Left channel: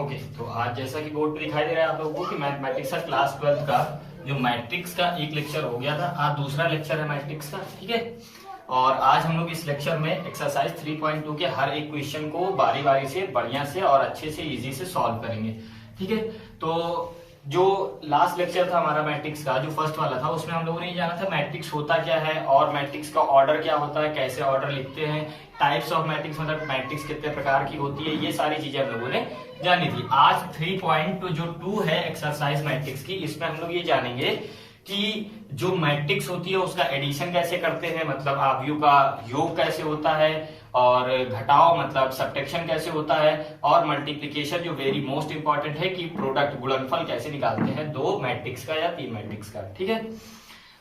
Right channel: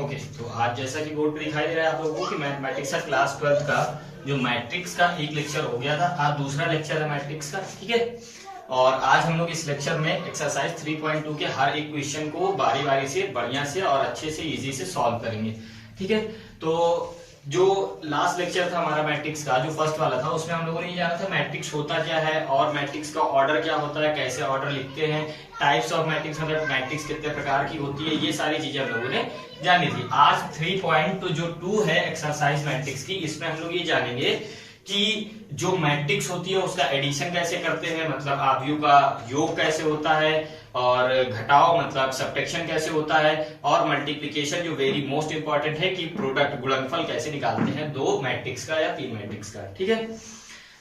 Okay, तो आज जैसा कि बोर्ड पे दिखाई दे रहा है आप लोगों को कि मैथमेटिक्स का क्लास 12 का जो मैट्रिक्स का एक लेक्चर हो गया था, आज दूसरा लेक्चर है मैट्रिक्स का। ठीक है, और आज हम लोग इस लेक्चर में एक्सरसाइज 3.2 के हर एक क्वेश्चन को बारी बारी से बढ़िया से और अच्छे से इजी से सॉल्व करेंगे। ठीक है, तो जो लास्ट लेक्चर था हमारा मैट्रिक्स का, जो फर्स्ट वाला था, उसमें हम लोगों ने ये जाना था मैट्रिक्स होता क्या है और मैट्रिक्स का ऑर्डर क्या होता है, कैसे ऑर्डर लिखते हैं, टाइप्स ऑफ मैट्रिक्स, मतलब मैट्रिक्स कितने प्रकार की होती है, ये सारी चीजें हम लोगों ने जानी थी। आज 3.2 है एक्सरसाइज मैट्रिक्स की, इसमें हम लोग ये जानेंगे कि जो मैट्रिक्स होती है उसका एडिशन कैसे करते हैं, मतलब आव्यूह का योग कैसे होता है, और घटाओ मतलब सब्ट्रैक्शन कैसे होता है, और मल्टीप्लिकेशन जो वेरी मोस्ट इंपॉर्टेंट है कि प्रोडक्ट गुणनफल कैसे निकालते हैं दो मैट्रिक्स का या तीन मैट्रिक्स का। ठीक है,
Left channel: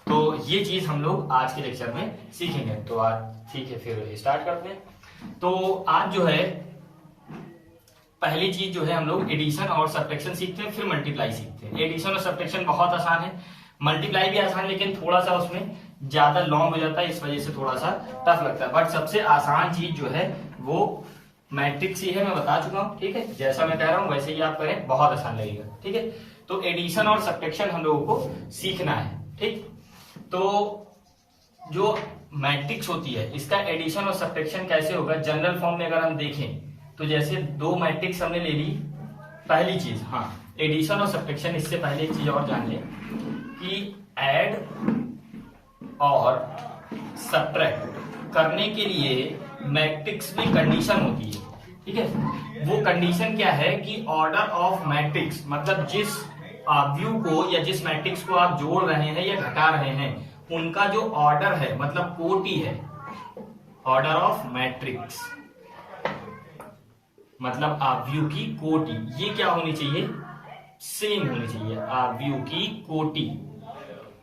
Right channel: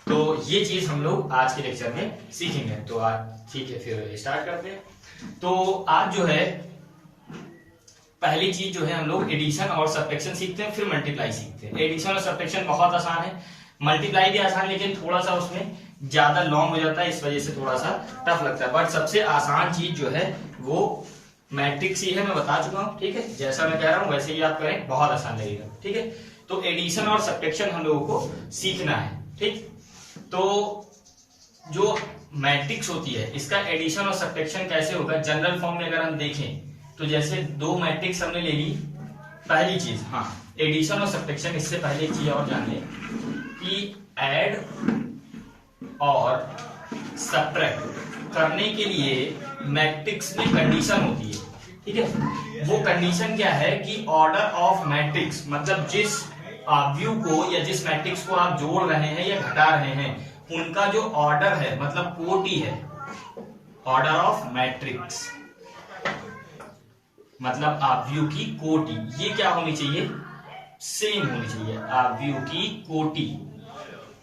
तो ये चीज हम लोग आज के लेक्चर में सीखेंगे। तो आज ठीक है, फिर स्टार्ट करते हैं। तो आज जो है पहली चीज जो है हम लोग एडिशन और सब्ट्रैक्शन सीखते हैं, फिर मल्टीप्लाई सीखते हैं। एडिशन और सब्ट्रैक्शन बहुत आसान है, मल्टीप्लाई भी आसान, लेकिन थोड़ा सा उसमें ज्यादा लॉन्ग हो जाता है, इस वजह से थोड़ा सा टफ लगता है। बट सबसे आसान चीज जो है वो मैट्रिक्स ही है, मैं बता चुका हूं। ठीक है, जैसा मैं कह रहा हूं वैसे ही आप करें, बहुत आसान लगेगा। ठीक है, तो एडिशन और सब्ट्रैक्शन हम लोगों को सीखना है। ठीक, तो जो मैट्रिक्स होती है इसका एडिशन और सब्ट्रैक्शन कैसे होगा, जनरल फॉर्म में अगर हम देखें तो जैसे दो मैट्रिक्स हमने ले ली, पहली चीज, हाँ, एडिशन और सब्ट्रैक्शन, इससे पहले एक चीज और जान लें कि ऐड और सब्ट्रैक्ट करने के लिए मैट्रिक्स में कंडीशन होती है। ठीक है, वो कंडीशन क्या है कि ऑर्डर ऑफ मैट्रिक्स, मतलब जिस आव्यूह को या जिस मैट्रिक्स को आप जोड़ रहे हैं या घटा रहे हैं उनका जो ऑर्डर है, मतलब कोटि है, ऑर्डर ऑफ मैट्रिक्स मतलब आव्यूह की कोटि, ये क्या होनी चाहिए, सेम होनी चाहिए। आव्यूह की कोटि,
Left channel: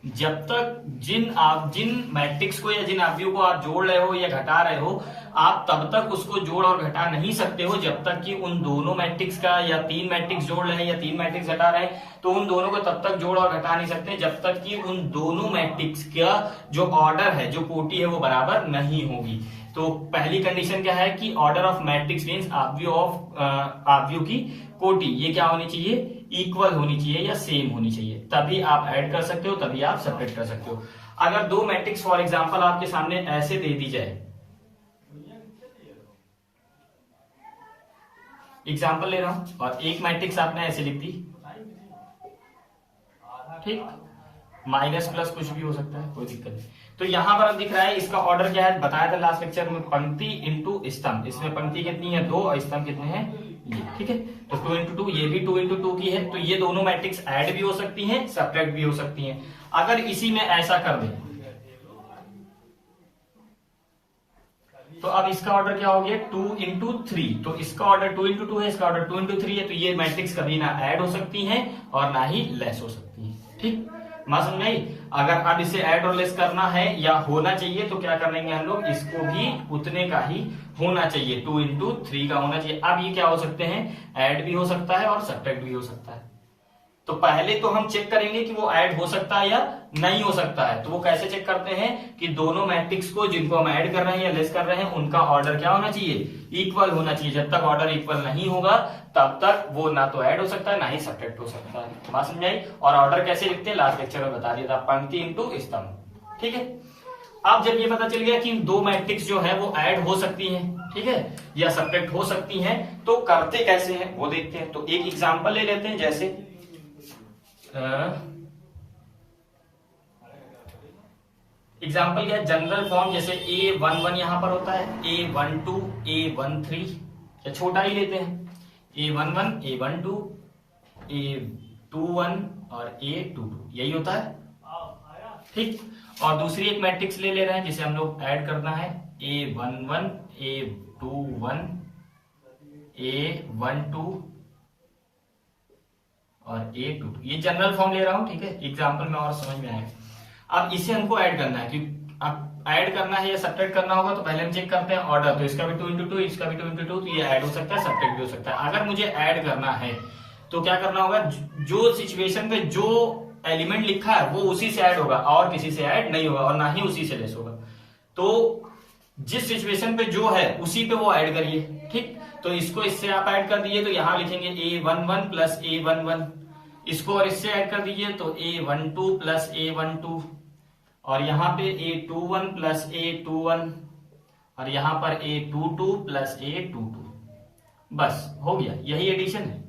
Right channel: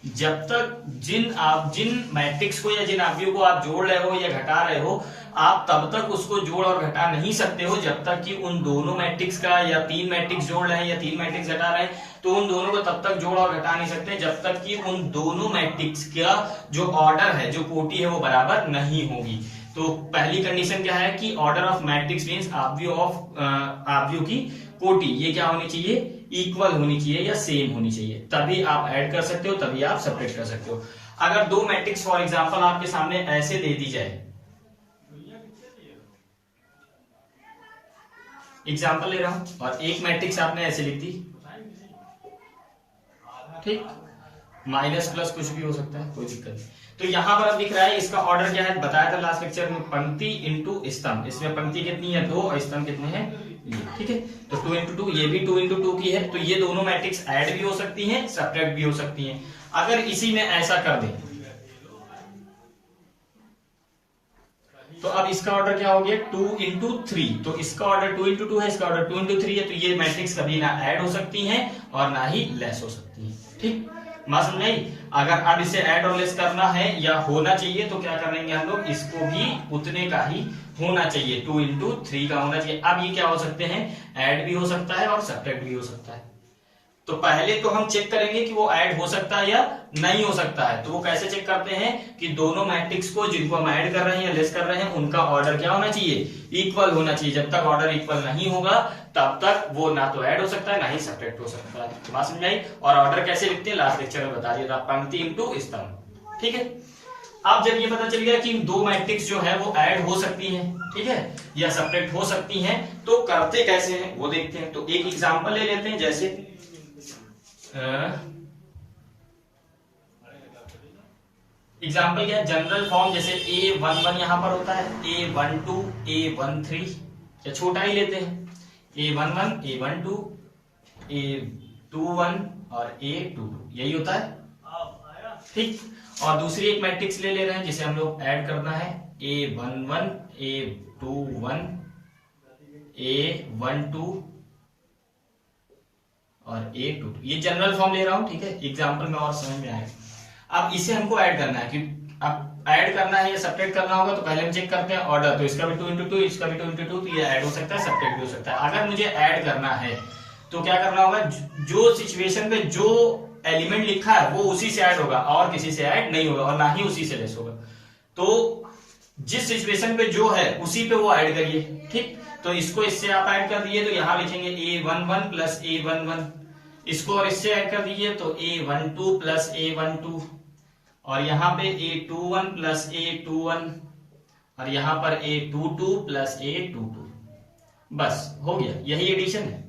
जब तक जिन मैट्रिक्स को या जिन आव्यूह को आप जोड़ रहे हो या घटा रहे हो, आप तब तक उसको जोड़ और घटा नहीं सकते हो जब तक कि उन दोनों मैट्रिक्स का, या तीन मैट्रिक्स जोड़ रहे हैं या तीन मैट्रिक्स घटा रहे हैं तो उन दोनों को तब तक जोड़ और घटा नहीं सकते जब तक कि उन दोनों मैट्रिक्स का जो ऑर्डर है, जो कोटि है, वो बराबर नहीं होगी। तो पहली कंडीशन क्या है कि ऑर्डर ऑफ मैट्रिक्स मींस आव्यूह की कोटि, ये क्या होनी चाहिए, इक्वल होनी चाहिए या सेम होनी चाहिए, तभी आप ऐड कर सकते हो, तभी आप सब्ट्रैक्ट कर सकते हो। अगर दो मैट्रिक्स फॉर एग्जांपल आपके सामने ऐसे दे दी जाए, एग्जांपल ले रहा हूं, और एक मैट्रिक्स आपने ऐसे लिख दी, ठीक, माइनस प्लस कुछ भी हो सकता है, कोई दिक्कत नहीं। तो यहां पर अब दिख रहा है इसका ऑर्डर क्या है, बताया था लास्ट लेक्चर में, पंक्ति इंटू स्तंभ। इसमें पंक्ति कितनी है, 2, और स्तंभ कितने हैं, ये। ठीक है, तो 2 इंटू 2, ये भी 2 इंटू 2 की है, तो ये दोनों मैट्रिक्स ऐड भी हो सकती हैं, सब्ट्रैक्ट भी हो सकती हैं। अगर इसी में ऐसा कर दें तो अब इसका ऑर्डर क्या हो गया, 2 इंटू 3, तो इसका ऑर्डर 2 इंटू 2 है, इसका ऑर्डर 2 इंटू 3 है, तो ये मैट्रिक्स कभी ना ऐड हो सकती हैं और ना ही लेस हो सकती है। ठीक, बात समझ आई। अगर अब इसे ऐड और लेस करना है या होना चाहिए तो क्या करेंगे हम लोग, इसको भी उतने का ही होना चाहिए, 2 इंटू 3 का होना चाहिए। अब ये क्या हो सकते हैं, ऐड भी हो सकता है और सब्ट्रैक्ट भी हो सकता है। तो पहले तो हम चेक करेंगे कि वो ऐड हो सकता है या नहीं हो सकता है। तो वो कैसे चेक करते हैं कि दोनों मैट्रिक्स को जिनको हम ऐड कर रहे हैं या लेस कर रहे हैं उनका ऑर्डर क्या होना चाहिए, इक्वल होना चाहिए। जब तक ऑर्डर इक्वल नहीं होगा तब तक वो ना तो ऐड हो सकता है ना ही सब्ट्रैक्ट हो सकता है। बात समझ आई। और ऑर्डर कैसे लिखते हैं लास्ट लेक्चर में बता दिया था, पंक्ति इंटू स्तंभ। ठीक है, अब जब ये पता चल गया कि दो मैट्रिक्स जो है वो ऐड हो सकती हैं, ठीक है, या सब्ट्रैक्ट हो सकती हैं, तो करते कैसे हैं वो देखते हैं। तो एक एग्जांपल ले लेते हैं, जैसे एग्जाम्पल क्या है, जनरल फॉर्म, जैसे A11 यहां पर होता है, A12, A13, या छोटा ही लेते हैं, A11, A12, A21 और A22, यही होता है। ठीक, और दूसरी एक मैट्रिक्स ले रहे हैं जिसे हम लोग ऐड करना है, A11, A21, A12 और A22, ये जनरल फॉर्म ले रहा हूं। ठीक है, एग्जांपल में और समझ में आएगा। अब इसे हमको ऐड करना है, कि अब ऐड करना है या सब्ट्रैक्ट करना होगा तो पहले हम चेक करते हैं ऑर्डर, तो इसका भी 2 इंटू 2, इसका भी 2 इंटू 2, तो ये ऐड हो सकता है, सब्ट्रैक्ट भी हो सकता है। अगर मुझे ऐड करना है तो क्या करना होगा, जो सिचुएशन में जो एलिमेंट लिखा है वो उसी से ऐड होगा और किसी से ऐड नहीं होगा, और ना ही उसी से लेस होगा। तो जिस सिचुएशन पे जो है उसी पे वो ऐड करिए। ठीक, तो इसको इससे आप ऐड कर दीजिए तो यहाँ लिखेंगे A11 प्लस A11, इसको और इससे ऐड कर दीजिए तो A12 प्लस A12, और यहाँ पे A21 प्लस A21, और यहाँ पर A22 प्लस A22। बस हो गया, यही एडिशन है।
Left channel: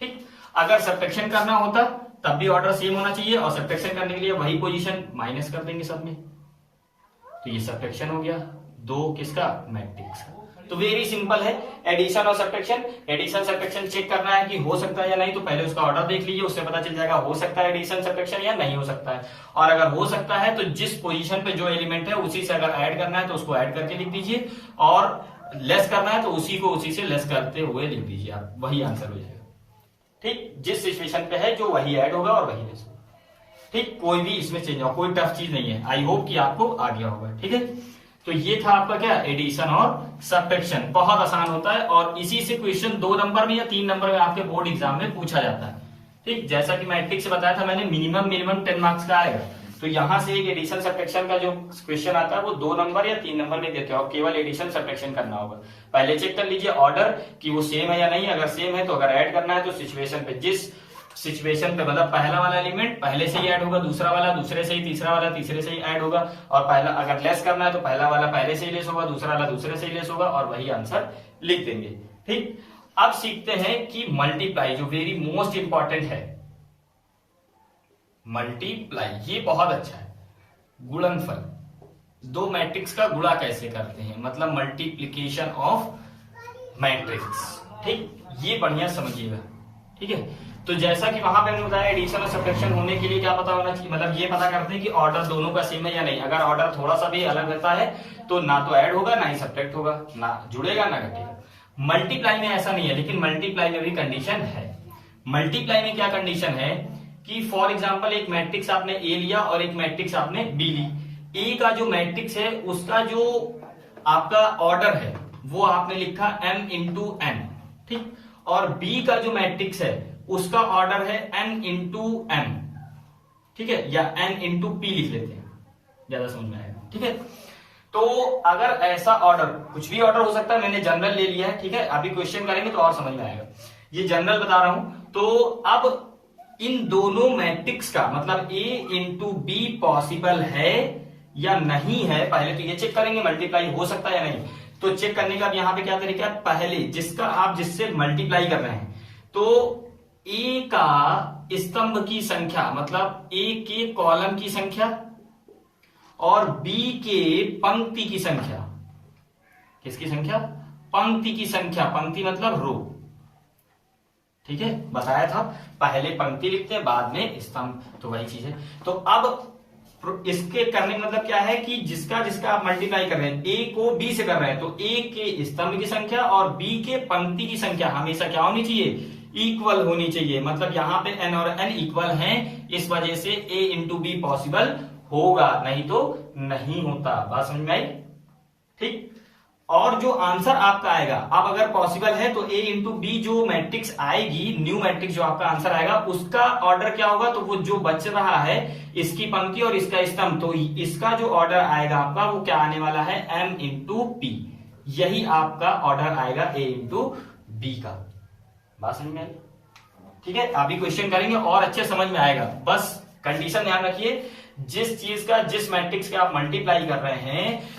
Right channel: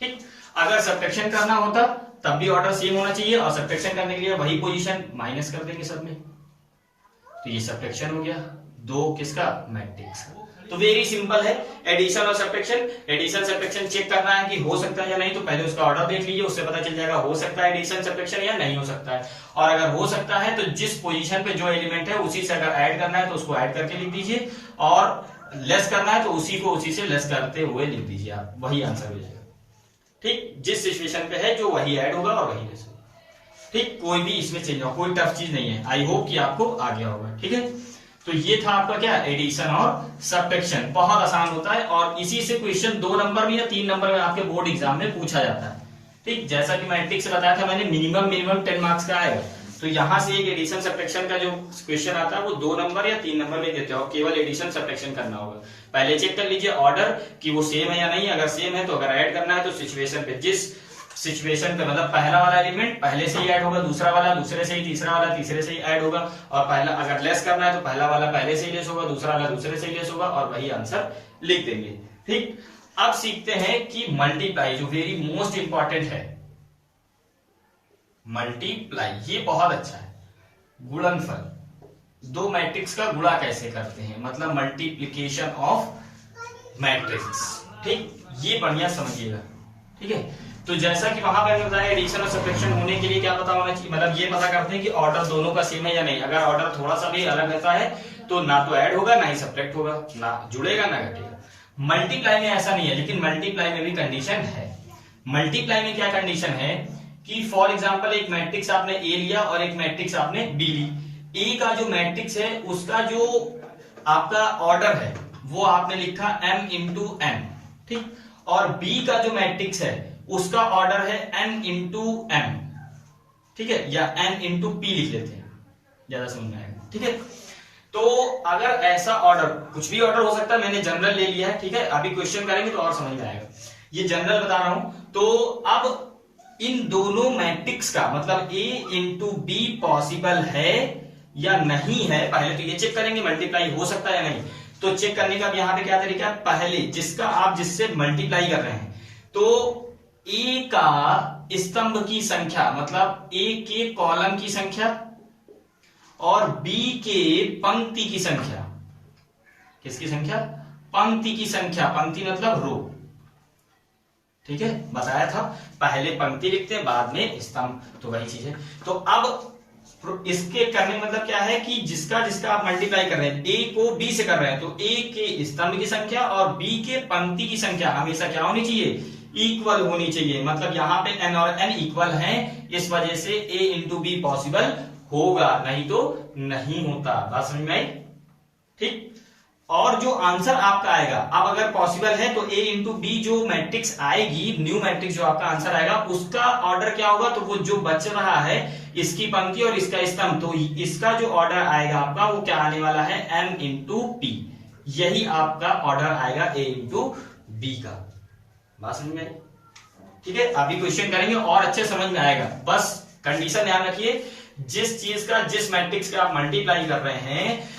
ठीक, अगर सब्ट्रैक्शन करना होता तब भी ऑर्डर सेम होना चाहिए, और सब्ट्रैक्शन करने के लिए वही पोजीशन माइनस कर देंगे सब में, तो ये सब्ट्रैक्शन हो गया दो किसका, मैट्रिक्स का। तो वेरी सिंपल है एडिशन और सब्ट्रैक्शन। एडिशन सब्ट्रैक्शन चेक करना है कि हो सकता है या नहीं, तो पहले उसका ऑर्डर देख लीजिए, उससे पता चल जाएगा हो सकता है एडिशन सब्ट्रैक्शन या नहीं हो सकता है। और अगर हो सकता है तो जिस पोजीशन पे जो एलिमेंट है उसी से अगर ऐड करना है तो उसको ऐड करके लिख दीजिए, और लेस करना है तो उसी को उसी से लेस करते हुए लिख दीजिए, आप वही आंसर हो जाएगा। ठीक, जिस सिचुएशन पे है जो वही ऐड होगा और वही लेस होगा। ठीक, कोई भी इसमें चेंज हो, कोई टफ चीज नहीं है। आई होप कि आपको आ गया होगा। ठीक है, तो ये था आपका क्या, एडिशन और सब्ट्रैक्शन। बहुत आसान होता है, और इसी से क्वेश्चन 2 नंबर में या 3 नंबर में आपके बोर्ड एग्जाम में पूछा जाता है। ठीक, जैसा कि मैट्रिक्स से बताया था मैंने, मिनिमम 10 मार्क्स का आएगा। तो यहां से एक एडिशन सब्ट्रैक्शन का जो क्वेश्चन आता है वो 2 नंबर या 3 नंबर में देते हैं, और केवल एडिशन सब्ट्रैक्शन करना होगा। पहले चेक कर लीजिए ऑर्डर कि वो सेम है या नहीं, अगर सेम है तो अगर ऐड करना है तो सिचुएशन पे, जिस सिचुएशन पे मतलब पहला वाला एलिमेंट पहले से ही ऐड होगा, दूसरा वाला दूसरे से ही, तीसरा वाला तीसरे से ही ऐड होगा, और पहला अगर लेस करना है तो पहला वाला पहले से ही लेस होगा, दूसरा वाला दूसरे से ही लेस होगा, और वही आंसर लिख देंगे। ठीक, अब सीखते हैं कि मल्टीप्लाई, जो वेरी मोस्ट इंपॉर्टेंट है, मल्टीप्लाई, ये बहुत अच्छा है। गुणनफल, दो मैट्रिक्स का गुणा कैसे करते हैं, मतलब मल्टीप्लीकेशन ऑफ मैट्रिक्स। ठीक, ये बढ़िया समझिएगा। ठीक है, तो जैसा कि वहां मैंने बताया एडिशन और सब्ट्रैक्शन होने के लिए क्या पता होना चाहिए, मतलब ये पता करते हैं कि ऑर्डर दोनों का सेम है या नहीं। अगर ऑर्डर थोड़ा सा भी अलग रहता है तो ना तो ऐड होगा ना ही सब्ट्रैक्ट होगा, ना जुड़ेगा ना घटेगा। मल्टीप्लाई में ऐसा नहीं है, लेकिन मल्टीप्लाई में भी कंडीशन है। मल्टीप्लाई में क्या कंडीशन है कि फॉर एग्जाम्पल एक मैट्रिक्स आपने ए लिया और एक मैट्रिक्स आपने बी ली। ए का जो मैट्रिक्स है उसका जो आपका ऑर्डर है वो आपने लिखा m इंटू एन, ठीक, और बी का जो मैट्रिक्स है उसका ऑर्डर है n इंटू m, ठीक है, या n इंटू p लिख लेते हैं, ज्यादा समझ में आएगा। ठीक है, तो अगर ऐसा ऑर्डर, कुछ भी ऑर्डर हो सकता है, मैंने जनरल ले लिया है। ठीक है, अभी क्वेश्चन करेंगे तो और समझ में आएगा, ये जनरल बता रहा हूं। तो अब इन दोनों मैट्रिक्स का मतलब a इंटू बी पॉसिबल है या नहीं है, पहले तो ये चेक करेंगे मल्टीप्लाई हो सकता है या नहीं। तो चेक करने का यहाँ पे क्या तरीका है, पहले जिसका आप जिससे मल्टीप्लाई कर रहे हैं, तो ए का स्तंभ की संख्या मतलब ए के कॉलम की संख्या और बी के पंक्ति की संख्या, किसकी संख्या, पंक्ति की संख्या, पंक्ति मतलब रो। ठीक है, बताया था पहले पंक्ति लिखते हैं बाद में स्तंभ, तो वही चीज है। तो अब इसके करने मतलब क्या है कि जिसका जिसका आप मल्टीप्लाई कर रहे हैं, ए को डी से कर रहे हैं, तो ए के स्तंभ की संख्या और बी के पंक्ति की संख्या हमेशा क्या होनी चाहिए, इक्वल होनी चाहिए। मतलब यहाँ पे n और n इक्वल हैं, इस वजह से a इंटू बी पॉसिबल होगा, नहीं तो नहीं होता। बात समझ में आई। ठीक, और जो आंसर आपका आएगा, अब अगर पॉसिबल है तो a इंटू बी जो मैट्रिक्स आएगी, न्यू मैट्रिक्स जो आपका आंसर आएगा, उसका ऑर्डर क्या होगा, तो वो जो बच रहा है इसकी पंक्ति और इसका स्तंभ, तो इसका जो ऑर्डर आएगा आपका वो क्या आने वाला है, m इंटू पी, यही आपका ऑर्डर आएगा a इंटू बी का। बात समझ में आई। ठीक है, अभी क्वेश्चन करेंगे और अच्छे समझ में आएगा। बस कंडीशन ध्यान रखिए, जिस चीज का जिस मैट्रिक्स का आप मल्टीप्लाई कर रहे हैं,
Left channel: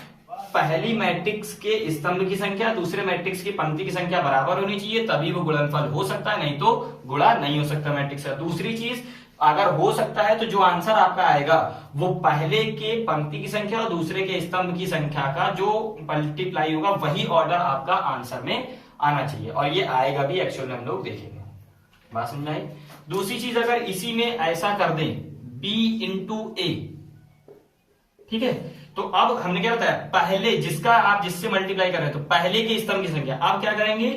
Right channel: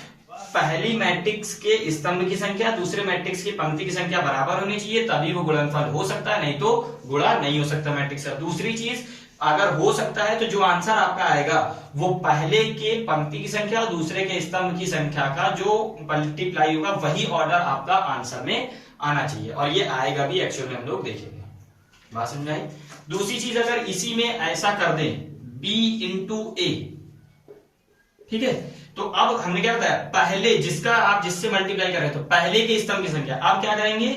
पहली मैट्रिक्स के स्तंभ की संख्या दूसरे मैट्रिक्स की पंक्ति की संख्या बराबर होनी चाहिए, तभी वो गुणनफल हो सकता है, नहीं तो गुणा नहीं हो सकता मैट्रिक्स का। दूसरी चीज, अगर हो सकता है तो जो आंसर आपका आएगा वो पहले के पंक्ति की संख्या और दूसरे के स्तंभ की संख्या का जो मल्टीप्लाई होगा वही ऑर्डर आपका आंसर में आना चाहिए, और ये आएगा भी, एक्चुअल में हम लोग देखेंगे। बात समझ में आई। दूसरी चीज, अगर इसी में ऐसा कर दें b इंटू ए, ठीक है, तो अब हमने क्या बताया, पहले जिसका आप जिससे मल्टीप्लाई कर रहे हैं तो पहले के स्तंभ की संख्या, अब क्या करेंगे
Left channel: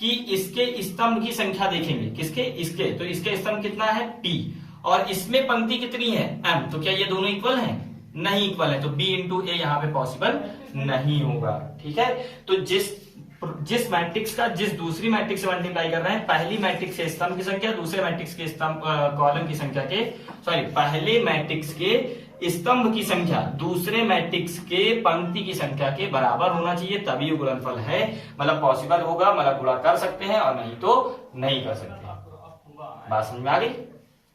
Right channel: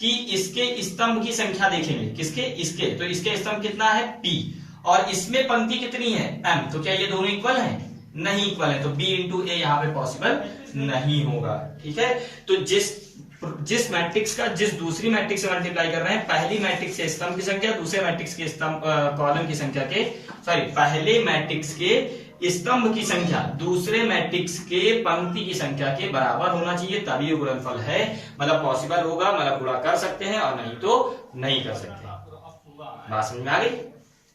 कि इसके स्तंभ की संख्या देखेंगे, किसके, इसके, तो इसके स्तंभ कितना है p, और इसमें पंक्ति कितनी है m, तो क्या ये दोनों इक्वल हैं, नहीं इक्वल है, तो b इंटू ए यहाँ पे पॉसिबल नहीं होगा। ठीक है, तो जिस जिस मैट्रिक्स का जिस दूसरी मैट्रिक्स से मल्टीप्लाई कर रहे हैं, पहली मैट्रिक्स के स्तंभ की संख्या दूसरे मैट्रिक्स के स्तंभ कॉलम की संख्या के पहले मैट्रिक्स के स्तंभ की संख्या दूसरे मैट्रिक्स के पंक्ति की संख्या के बराबर होना चाहिए, तभी गुणनफल है, मतलब पॉसिबल होगा, मतलब गुणा कर सकते हैं, और नहीं तो नहीं कर सकते। बात समझ में आ गई?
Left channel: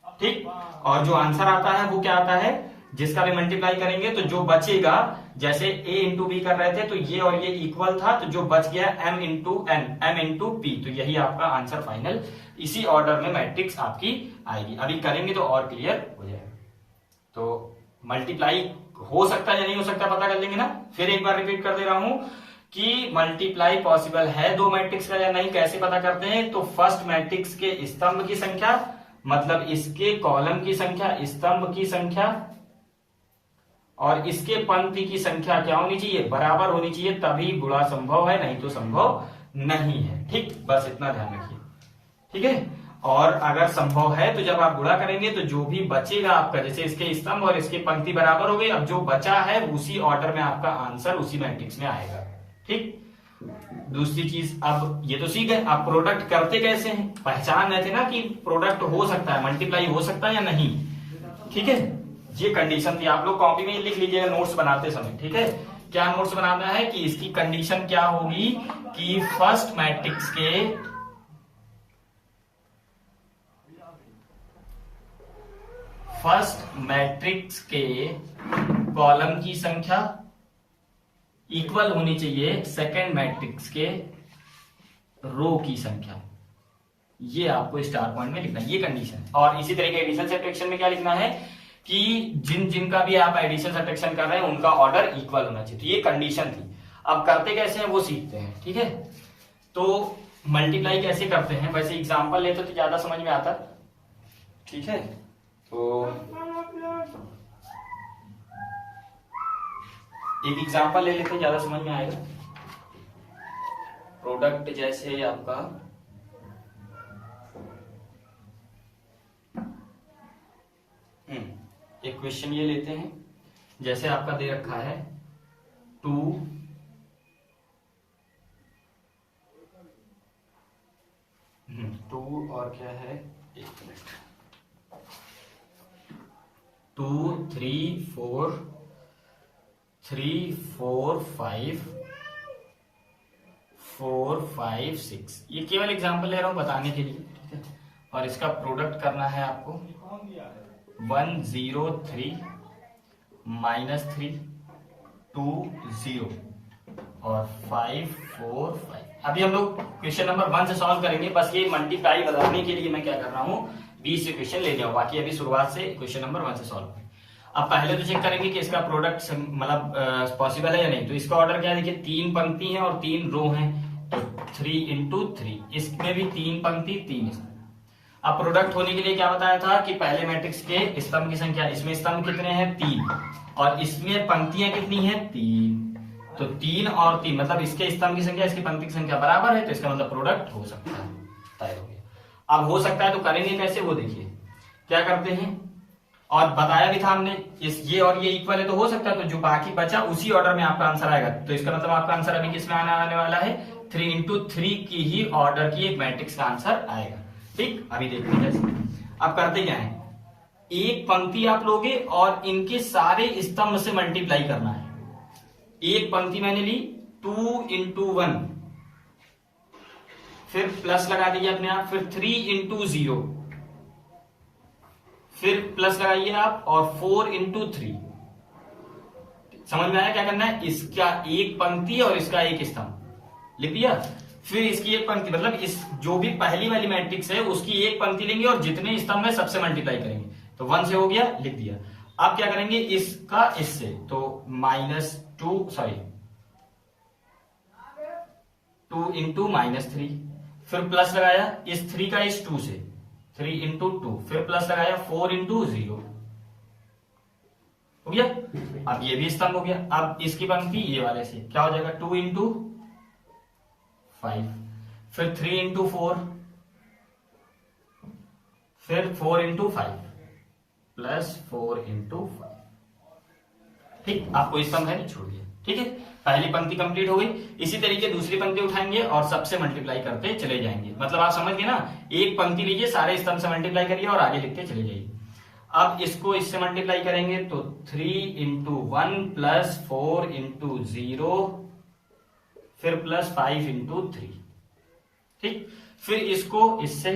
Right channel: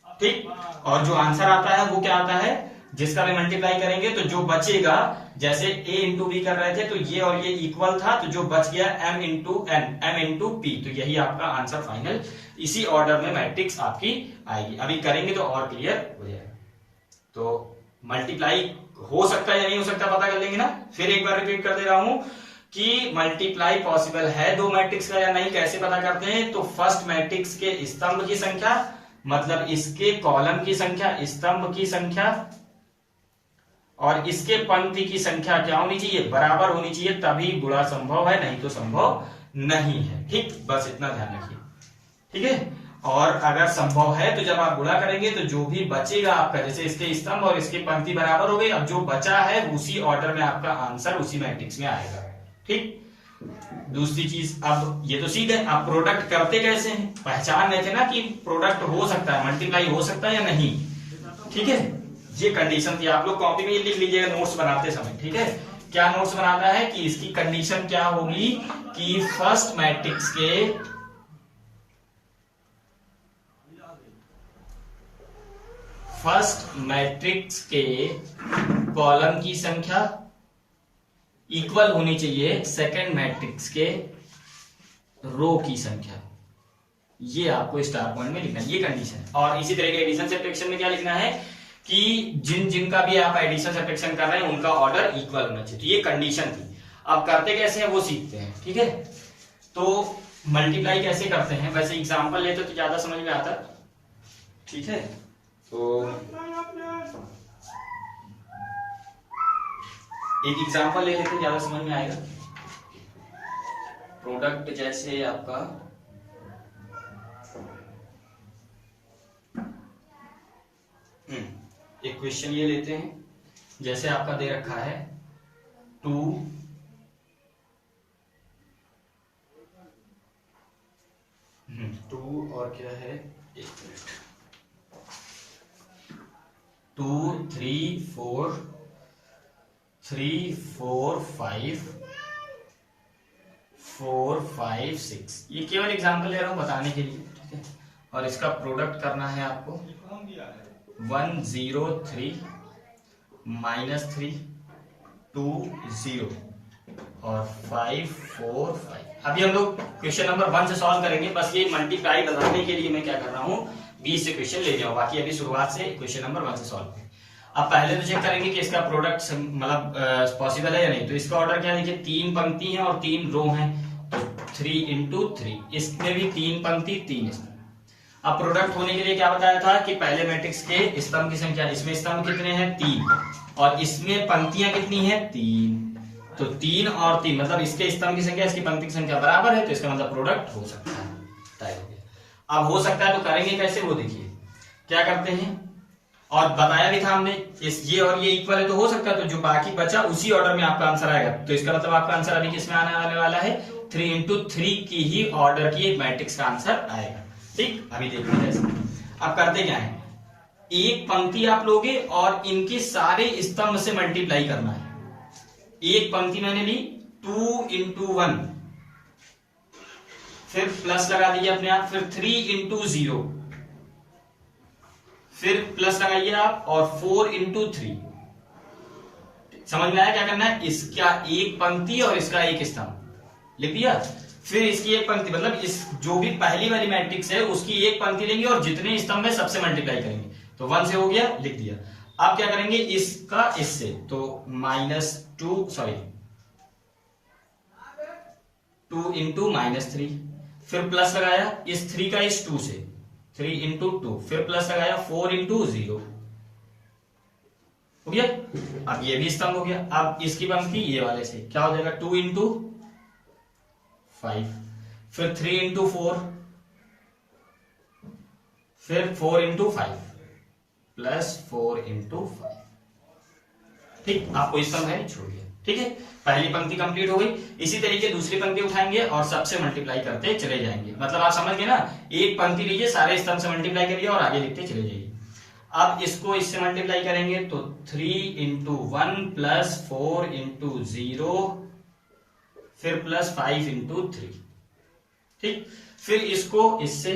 ठीक। और जो आंसर आता है वो क्या आता है, जिसका भी मल्टीप्लाई करेंगे तो जो बचेगा, जैसे a इंटू बी कर रहे थे तो ये और ये इक्वल था, तो जो बच गया m into n, m into p, तो यही आपका आंसर फाइनल, इसी ऑर्डर में मैट्रिक्स आपकी आएगी। अभी करेंगे तो और क्लियर हो जाएगा। तो मल्टीप्लाई हो सकता है या नहीं हो सकता पता कर लेंगे ना। फिर एक बार रिपीट कर दे रहा हूं कि मल्टीप्लाई पॉसिबल है दो मैट्रिक्स का या नहीं, कैसे पता करते हैं, तो फर्स्ट मैट्रिक्स के स्तंभ की संख्या, मतलब इसके कॉलम की संख्या, स्तंभ की संख्या, और इसके पंक्ति की संख्या क्या होनी चाहिए, बराबर होनी चाहिए, तभी गुणा संभव है, नहीं तो संभव नहीं है। ठीक, बस इतना ध्यान रखिए। ठीक है। और अगर संभव है तो जब आप गुणा करेंगे तो जो भी बचेगा आपका, जैसे इसके स्तंभ और इसके पंक्ति बराबर हो गई, अब जो बचा है उसी ऑर्डर में आपका आंसर उसी मैट्रिक्स में आएगा। ठीक। दूसरी चीज, अब ये तो सीख गए, आप प्रोडक्ट करते कैसे हैं, पहचान रहे थे ना कि प्रोडक्ट हो सकता है, मल्टीप्लाई हो सकता है या नहीं। ठीक है, ये कंडीशन थी, आप लोग कॉपी में लिख लीजिएगा नोट्स बनाते समय। ठीक है, क्या नोट्स बनाना है कि इसकी कंडीशन क्या होगी कि फर्स्ट मैट्रिक्स के कॉलम की संख्या इक्वल होनी चाहिए सेकंड मैट्रिक्स के रो की संख्या। ये आपको स्टार पॉइंट में लिखना है, ये कंडीशन। और इसी तरह के एडिशन सब्ट्रैक्शन में क्या लिखना है कि जिनका भी आप एडिशन सब्ट्रैक्शन कर रहे हैं उनका ऑर्डर इक्वल होना चाहिए। तो ये कंडीशन थी। अब करते कैसे हैं वो सीखते हैं। ठीक है, तो मल्टीप्लाई कैसे करते हैं, वैसे एग्जांपल लेते तो ज्यादा समझ में आता। ठीक है, तो एक एग्जांपल ले लेते हैं, ज्यादा समझ में आएगा। प्रोडक्ट जैसे आपका एक क्वेश्चन ये लेते हैं, जैसे आपका दे रखा है 2 और क्या है, 2 3 4 5 4 5 6। ये केवल एग्जांपल ले रहा हूं बताने के लिए। ठीक है, और इसका प्रोडक्ट करना है आपको 1 0 3 -3 2 0 और 5 4 5। अभी हम लोग क्वेश्चन नंबर 1 से सॉल्व करेंगे। बस ये मल्टीप्लाई बताने के लिए मैं क्या कर रहा हूँ, 20 से क्वेश्चन ले जाऊँ, बाकी अभी शुरुआत से क्वेश्चन नंबर 1 से सॉल्व। अब पहले तो चेक करेंगे कि इसका प्रोडक्ट मतलब पॉसिबल है या नहीं। तो इसका ऑर्डर क्या है, देखिए 3 पंक्ति हैं और 3 रो हैं, तो 3 इंटू 3, इसमें भी 3 पंक्ति 3 स्तंभ। अब प्रोडक्ट होने के लिए क्या बताया था कि पहले मैट्रिक्स के स्तंभ की संख्या, इसमें स्तंभ कितने हैं 3 और इसमें पंक्तियां कितनी हैं 3, तो 3 और 3 मतलब इसके स्तंभ की संख्या इसकी पंक्ति की संख्या बराबर है, तो इसका मतलब प्रोडक्ट हो सकता है, तय हो गया। अब हो सकता है तो करेंगे कैसे वो देखिए। क्या करते हैं, और बताया भी था हमने, इस ये और ये इक्वल है तो हो सकता है, तो जो बाकी बचा उसी ऑर्डर में आपका आंसर आएगा। तो इसका मतलब आपका आंसर अभी किसमें आने वाला है, 3 इंटू 3 की ही ऑर्डर की एक मैट्रिक्स का आंसर आएगा। ठीक, अभी देखते हैं कैसे। अब करते क्या है, एक पंक्ति आप लोगे और इनके सारे स्तंभ से मल्टीप्लाई करना है। एक पंक्ति मैंने ली 2 इंटू 1, फिर प्लस लगा दीजिए अपने आप, फिर 3 इंटू 0, फिर प्लस लगाइए आप, और 4 इंटू 3। समझ में आया क्या करना है, इसका एक पंक्ति और इसका एक स्तंभ लिख दिया। फिर इसकी एक पंक्ति मतलब इस जो भी पहली वाली मैट्रिक्स है उसकी एक पंक्ति लेंगे और जितने स्तंभ है सबसे मल्टीप्लाई करेंगे। तो 1 से हो गया, लिख दिया। अब क्या करेंगे इसका इससे, तो -2 इंटू -3, फिर प्लस लगाया इस 3 का इस 2 से, 3 इंटू 2, फिर प्लस लगाया 4 इंटू 0 हो गया। अब ये भी स्तंभ हो गया। अब इसकी पंक्ति ये वाले से क्या हो जाएगा, 2 इंटू 5, फिर 3 इंटू 4, फिर 4 इंटू 5 प्लस 4 इंटू 5। ठीक, आपको स्तंभ है नहीं, छोड़ दिया। ठीक है, पहली पंक्ति कंप्लीट हो गई। इसी तरीके दूसरी पंक्ति उठाएंगे और सबसे मल्टीप्लाई करते चले जाएंगे। मतलब आप समझ गए ना, एक पंक्ति लीजिए, सारे स्तंभ से मल्टीप्लाई करिए और आगे लिखते चले जाइए। अब इसको इससे मल्टीप्लाई करेंगे तो 3 इंटू 1 प्लस 4 इंटू 0 फिर प्लस 5 इंटू 3। ठीक, फिर इसको इससे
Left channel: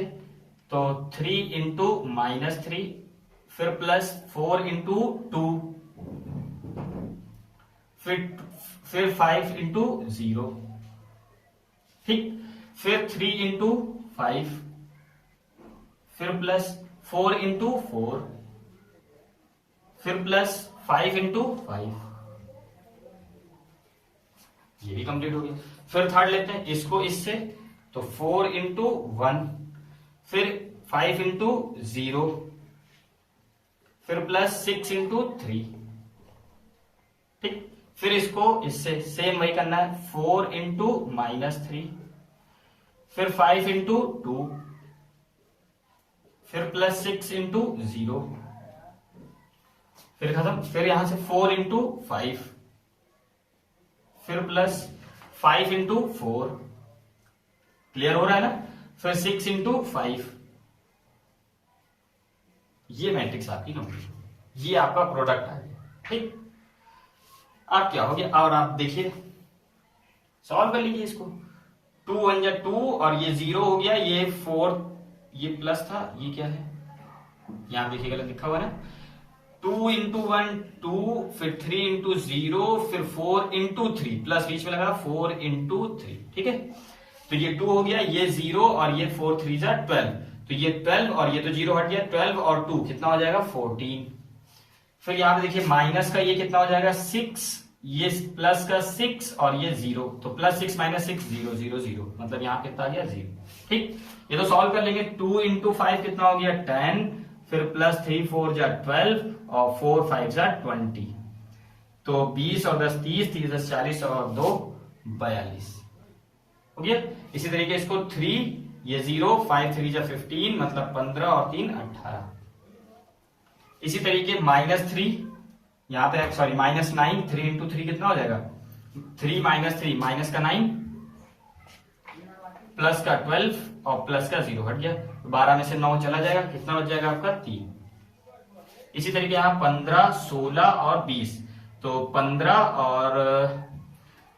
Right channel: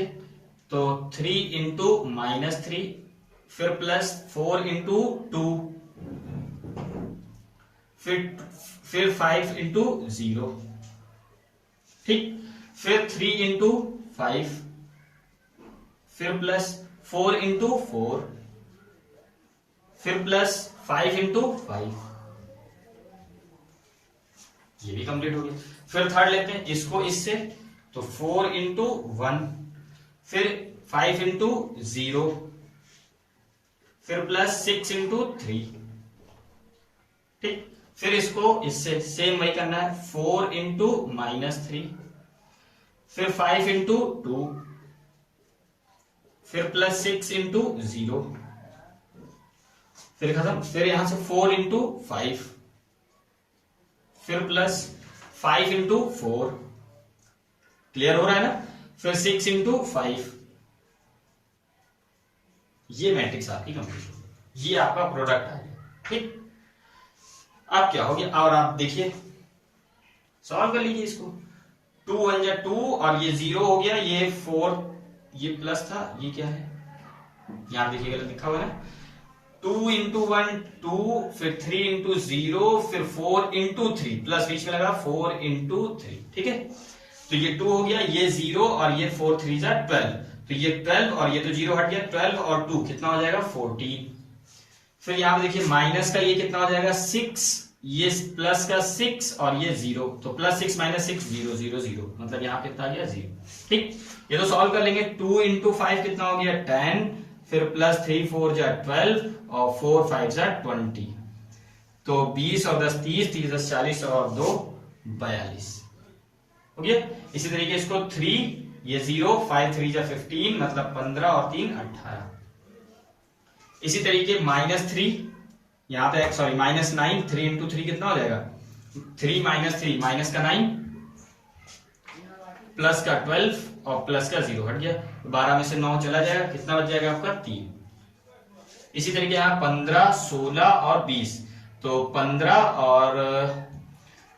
तो 3 इंटू -3 फिर प्लस 4 इंटू 2 फिर 5 इंटू 0। ठीक, फिर 3 इंटू 5 फिर प्लस 4 इंटू 4 फिर प्लस 5 इंटू 5। ये भी कंप्लीट हो गया। फिर थर्ड लेते हैं, इसको इससे तो 4 इंटू 1 फिर 5 इंटू 0 फिर प्लस 6 इंटू 3। ठीक, फिर इसको इससे सेम वही करना है, 4 इंटू -3 फिर 5 इंटू 2 फिर प्लस 6 इंटू 0 फिर खत्म। फिर यहां से 4 इंटू 5 फिर प्लस 5 इंटू 4। क्लियर हो रहा है ना। फिर 6 इंटू 5। ये मैट्रिक्स आपकी कंप्लीट, ये आपका प्रोडक्ट आ गया। ठीक, अब क्या हो गया, और आप देखिए सॉल्व कर लीजिए इसको। 2 1 जा 2 और ये 0 हो गया, ये 4 ये प्लस था, ये क्या है यहां देखिए गलत लिखा हुआ है ना। 2 इंटू 1 2 फिर 3 इंटू 0 फिर 4 इंटू 3 प्लस बीच में लगा 4 इंटू 3। ठीक है, तो ये 2 हो गया, ये 0 और ये 4 3 जा 12, तो ये 12 और ये तो 0 हट गया, 12 और 2 कितना हो जाएगा 14। फिर यहां पे देखिए माइनस का ये कितना हो जाएगा 6, ये प्लस का 6 और ये 0, तो प्लस 6 माइनस 6 0 0 0, मतलब यहां कितना आ गया 0। ठीक, ये तो सॉल्व कर लेंगे। 2 इंटू 5 कितना हो गया 10 फिर प्लस 3 4 जा 12 और 4 5 जा 20, तो 20 और 10 30 30 10 40 और 2 42 हो गया। इसी तरीके इसको 3 ये 0 5 3 जा 15 मतलब 15 और 3 18। इसी तरीके -3 यहां पे सॉरी -9 3 इंटू 3 कितना हो जाएगा 3 -3 माइनस का 9 प्लस का 12 और प्लस का 0 हट गया, 12 में से 9 चला जाएगा, कितना बच जाएगा आपका 3। इसी तरीके यहाँ 15 16 और 20, तो 15 और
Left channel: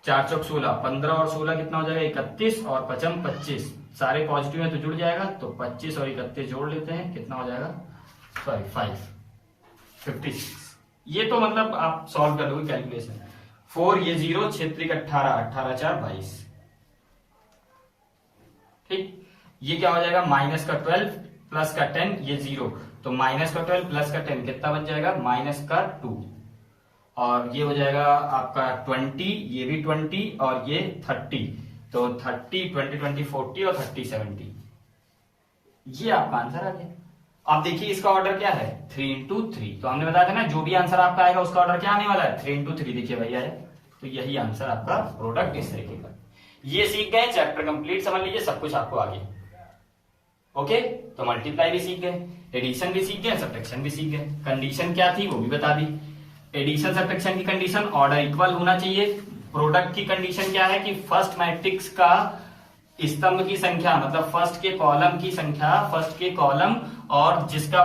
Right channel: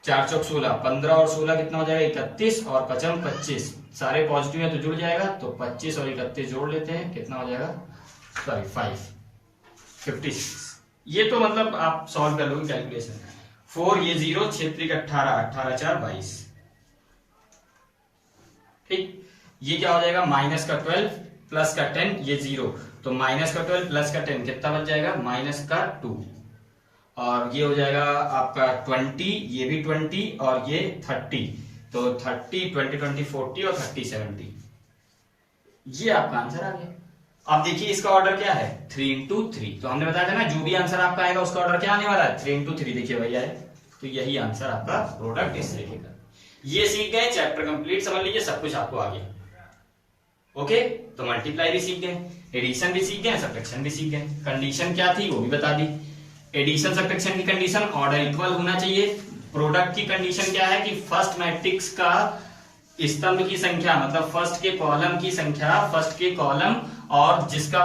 4 चौक 16, 15 और 16 कितना हो जाएगा 31 और 5 25, सारे पॉजिटिव है तो जुड़ जाएगा, तो 25 और 31 जोड़ लेते हैं, कितना हो जाएगा सॉरी 56। ये तो मतलब आप सॉल्व कर लोगे कैलकुलेशन। 4 ये 0 6 3 18 18 4 22। ठीक, ये क्या हो जाएगा माइनस का 12 प्लस का 10 ये 0, तो माइनस का 12 प्लस का 10 कितना बच जाएगा माइनस का 2, और ये हो जाएगा आपका 20 ये भी 20 और ये 30, तो 30 20 20 40 और 30 70। ये आपका आंसर आ गया। अब देखिए इसका ऑर्डर क्या है 3 इंटू 3, तो हमने बताया था ना जो भी आंसर आपका आएगा उसका ऑर्डर क्या आने वाला है 3 इंटू 3। देखिए भैया है, तो यही आंसर आपका प्रोडक्ट इस तरीके का। ये सीख गए, चैप्टर कंप्लीट समझ लीजिए, सब कुछ आपको आ गया। ओके, तो मल्टीप्लाई भी सीख गए, एडिशन भी सीख गए, सब्ट्रैक्शन भी सीख गए। कंडीशन क्या थी वो भी बता दी। एडिशन सब्ट्रैक्शन की कंडीशन ऑर्डर इक्वल होना चाहिए। प्रोडक्ट की कंडीशन क्या है कि फर्स्ट मैट्रिक्स का स्तंभ की संख्या मतलब फर्स्ट के कॉलम की संख्या, फर्स्ट के कॉलम और जिसका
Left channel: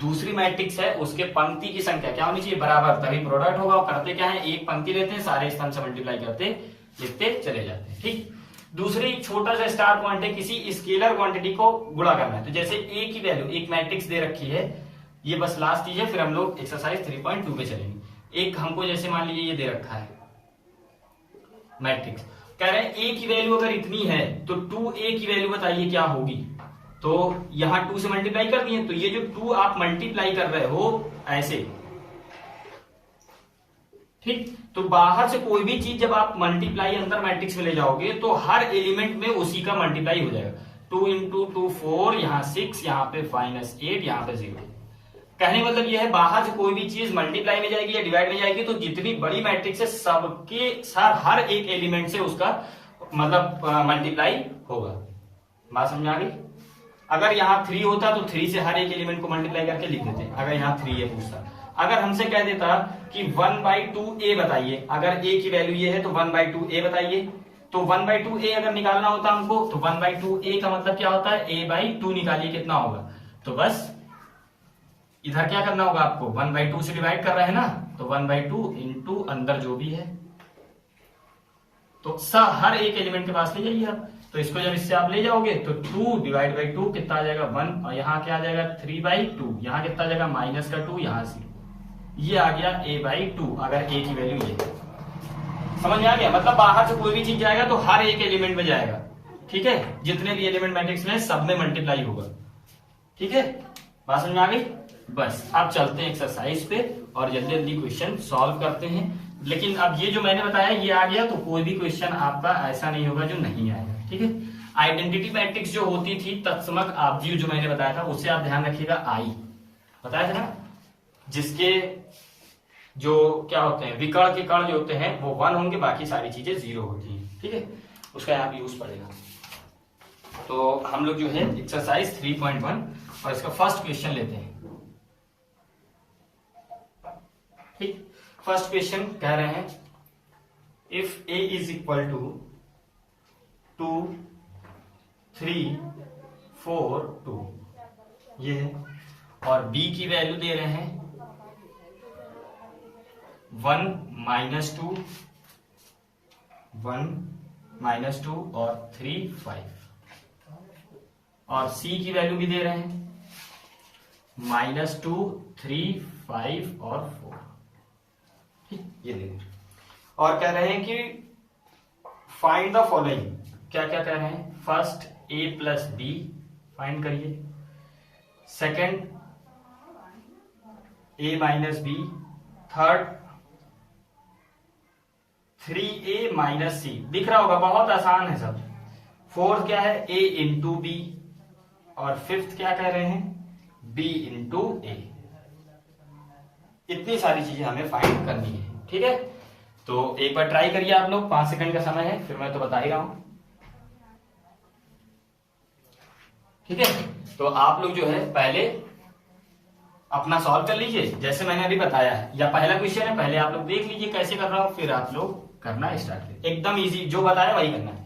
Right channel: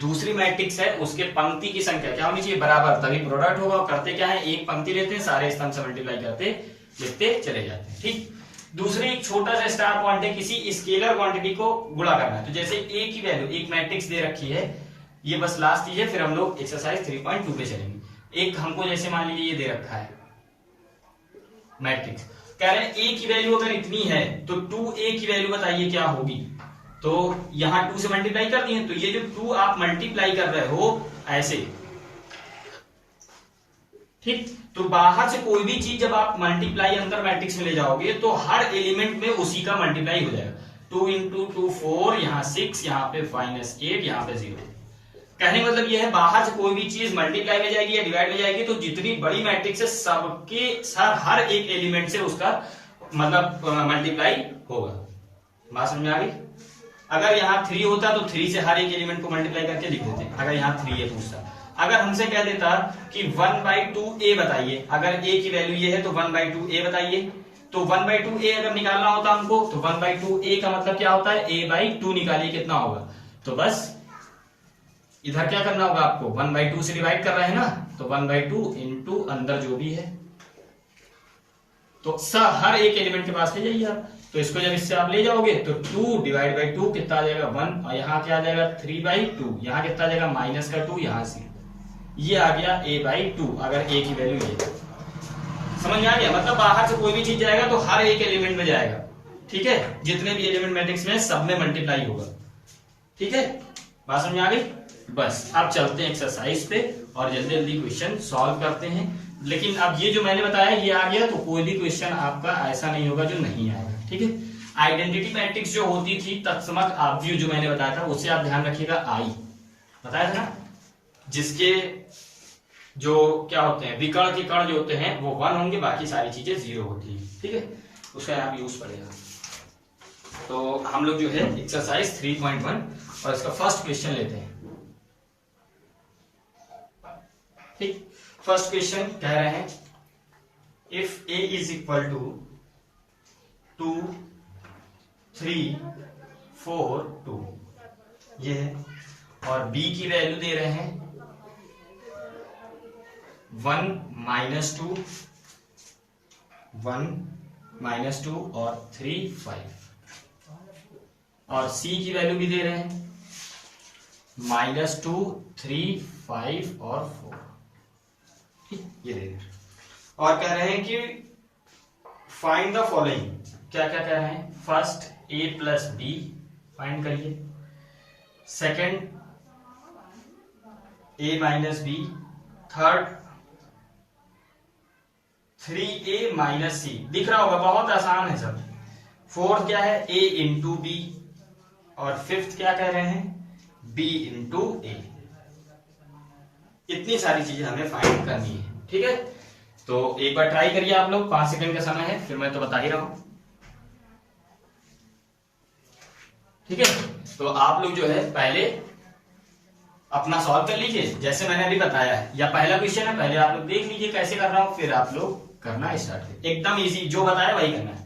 दूसरी मैट्रिक्स है उसके पंक्ति की संख्या क्या होनी चाहिए बराबर, तभी प्रोडक्ट होगा। और करते क्या है एक पंक्ति लेते हैं, सारे स्तंभ से मल्टीप्लाई करते लिखते चले जाते हैं। ठीक, दूसरी एक छोटा सा स्टार पॉइंट है, किसी स्केलर क्वांटिटी को गुणा करना है। तो जैसे ए की वैल्यू एक मैट्रिक्स दे रखी है, ये बस लास्ट चीज है, फिर हम लोग एक्सरसाइज 3.2 पे चलेंगे। एक हमको जैसे मान लीजिए ये दे रखा है मैट्रिक्स, कह रहे हैं ए की वैल्यू अगर इतनी है तो 2a की वैल्यू बताइए क्या होगी। तो यहां 2 से मल्टीप्लाई कर दिए, तो ये जो 2 आप मल्टीप्लाई कर रहे हो ऐसे, ठीक, तो बाहर से कोई भी चीज जब आप मल्टीप्लाई अंदर मैट्रिक्स में ले जाओगे तो हर एलिमेंट में उसी का मल्टीप्लाई हो जाएगा। 2 इंटू 2 4, यहाँ 6, यहाँ पे -8, यहाँ पे 0। कहने का मतलब ये है बाहर से कोई भी चीज मल्टीप्लाई में जाएगी या डिवाइड में जाएगी तो जितनी बड़ी मैट्रिक्स है सबके साथ हर एक एलिमेंट से उसका मतलब मल्टीप्लाई होगा। बात समझ में आ गई। अगर यहाँ 3 होता तो 3 से हर एक एलिमेंट को मल्टीप्लाई करके लिख देते, अगर यहाँ 3 ये पूछता। अगर हमसे कह देता कि 1/2 a बताइए, अगर a की वैल्यू ये है तो 1/2 a बताइए, तो 1/2 a अगर निकालना होता हमको तो 1/2 a का मतलब क्या होता है, a/2 निकालिए कितना होगा। तो बस इधर क्या करना होगा आपको, 1/2 से डिवाइड कर रहे हैं ना, तो 1/2 इंटू अंदर जो भी है, तो हर एक एलिमेंट के पास ले जाइए आप। तो इसको जब इससे आप ले जाओगे तो 2 डिवाइड बाई 2 कितना आ जाएगा 1, और यहाँ क्या आ जाएगा 3/2, यहाँ कितना आ जाएगा माइनस का 2, यहाँ से ये आ गया a/2, अगर a की वैल्यू ये। समझ में आ गया, मतलब बाहर से कोई भी चीज जाएगा तो हर एक एलिमेंट में जाएगा, ठीक है, जितने भी एलिमेंट मैट्रिक्स में सब में मल्टीप्लाई होगा, ठीक है, बात समझ में आ गई। बस अब चलते हैं एक्सरसाइज पे और जल्दी जल्दी क्वेश्चन सॉल्व करते हैं। लेकिन अब ये जो मैंने बताया ये आ गया तो कोई भी क्वेश्चन आपका ऐसा नहीं होगा जो नहीं आएगा, ठीक है। आइडेंटिटी मैट्रिक्स जो होती थी तत्समक आपव्यू जो मैंने बताया था उससे आप ध्यान रखिएगा, आई बताया था ना, जिसके जो क्या होते हैं विकर्ण के कण जो होते हैं वो 1 होंगे, बाकी सारी चीजें 0 होती है, ठीक है, उसका यहाँ यूज पड़ेगा। तो हम लोग जो है एक्सरसाइज 3.1 और इसका फर्स्ट क्वेश्चन लेते हैं, ठीक। फर्स्ट क्वेश्चन कह रहे हैं if a is equal to 2 3 4 2 ये है, और b की वैल्यू दे रहे हैं 1 -2 1 -2 और 3 5, और c की वैल्यू भी दे रहे हैं -2 3 5 और 4, ये दे रहे हैं। और कह रहे हैं कि फाइंड द फॉलोइंग, क्या क्या कह रहे हैं, first a plus B find करिए, second a minus B, third 3a minus C, दिख रहा होगा बहुत आसान है सब, फोर्थ क्या है a इंटू बी, और फिफ्थ क्या कह रहे हैं b इंटू ए। इतनी सारी चीजें हमें फाइंड करनी है, ठीक है। तो एक बार ट्राई करिए आप लोग, 5 सेकंड का समय है, फिर मैं तो बता ही रहा हूं, ठीक है। तो आप लोग जो है पहले अपना सॉल्व कर लीजिए जैसे मैंने अभी बताया है, या पहला क्वेश्चन है पहले आप लोग देख लीजिए कैसे कर रहा हूं, फिर आप लोग करना स्टार्ट करिए, एकदम इजी जो बताया वही करना है।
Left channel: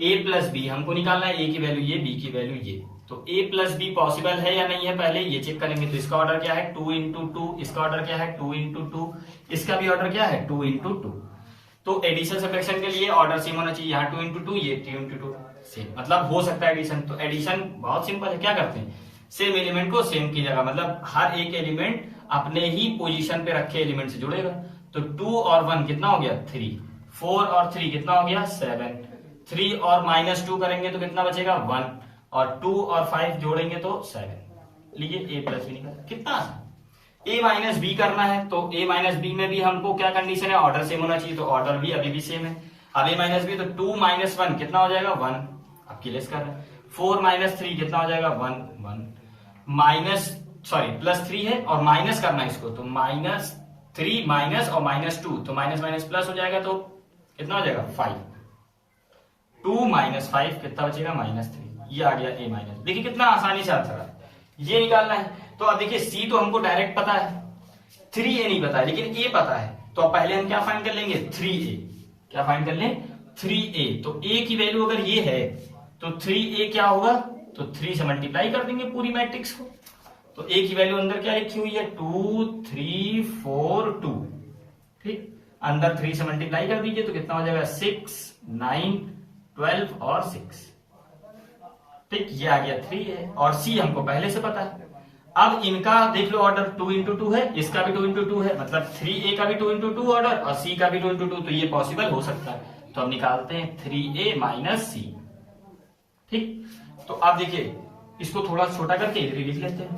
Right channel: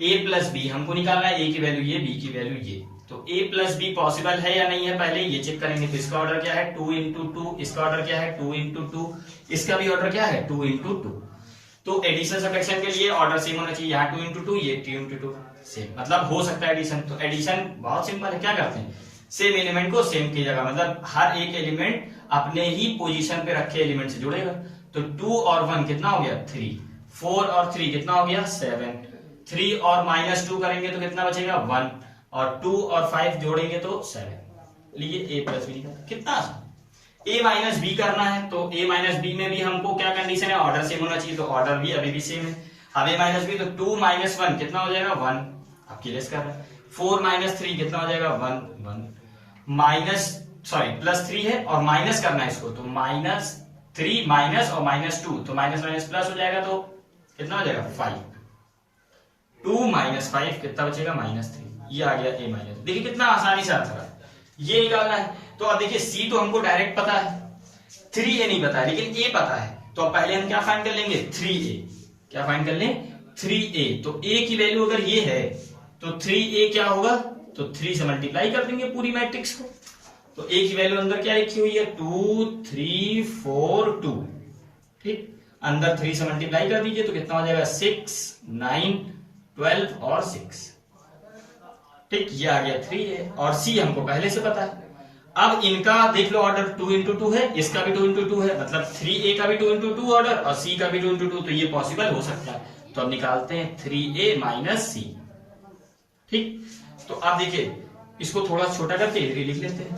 a प्लस बी हमको निकालना है, a की वैल्यू ये, b की वैल्यू ये, तो a प्लस बी पॉसिबल है या नहीं है पहले ये चेक करेंगे। तो इसका ऑर्डर क्या है 2 इंटू 2, इसका ऑर्डर क्या है 2 इंटू 2, इसका भी ऑर्डर क्या है 2 इंटू 2। तो एडिशन सब्ट्रैक्शन के लिए ऑर्डर सेम होना चाहिए, यहाँ 2 इंटू 2 ये 2 इंटू 2 सेम, मतलब हो सकता है एडिशन। तो एडिशन बहुत सिंपल है, क्या करते हैं सेम एलिमेंट को सेम की जगह, मतलब हर एक एलिमेंट अपने ही पोजीशन पे रखे एलिमेंट से जुड़ेगा। तो 2 और 1 कितना हो गया 3, 4 और 3 कितना हो गया 7, 3 और -2 करेंगे तो कितना बचेगा 1, और 2 और 5 जोड़ेंगे तो 7। लीजिए a प्लस बी निकाल, कितना आसान। a माइनस बी करना है तो a माइनस बी में भी हमको क्या कंडीशन है, ऑर्डर सेम होना चाहिए, तो ऑर्डर भी अभी भी सेम है। अब a माइनस बी तो 2 - 1 कितना हो जाएगा 1, आपकी लेस कर रहे हैं। 4 - 3 कितना हो जाएगा 1 प्लस 3 है और माइनस करना है इसको, तो -3 माइनस और -2 तो माइनस माइनस प्लस हो जाएगा, तो कितना हो जाएगा 5, 2 - 5 कितना बचेगा -3, ये आ गया a माइनस। देखिए कितना आसानी से आंसर है, ये निकालना है। तो अब देखिए c तो हमको डायरेक्ट पता है, 3a नहीं पता है, लेकिन a पता है, तो अब पहले हम क्या फाइंड कर लेंगे 3a, क्या फाइंड कर लें 3a। तो a की वैल्यू अगर ये है तो 3a क्या होगा, तो 3 से मल्टीप्लाई कर देंगे पूरी मैट्रिक्स को। तो a की वैल्यू अंदर क्या लिखी हुई है 2 3 4 2, ठीक, अंदर 3 से मल्टीप्लाई कर दीजिए तो कितना हो जाएगा 6 9 12 और 6, ठीक, ये आ गया 3 है, और c हमको पहले से पता है। अब इनका देख लो ऑर्डर 2 इंटू 2 है, इसका भी 2 इंटू 2 है, मतलब 3a का भी 2 इंटू 2 ऑर्डर और c का भी 2 इंटू 2, तो ये पॉसिबल हो सकता है। तो अब निकालते हैं 3a माइनस c, ठीक। तो अब देखिए इसको थोड़ा छोटा करके इधर लिख लेते हैं,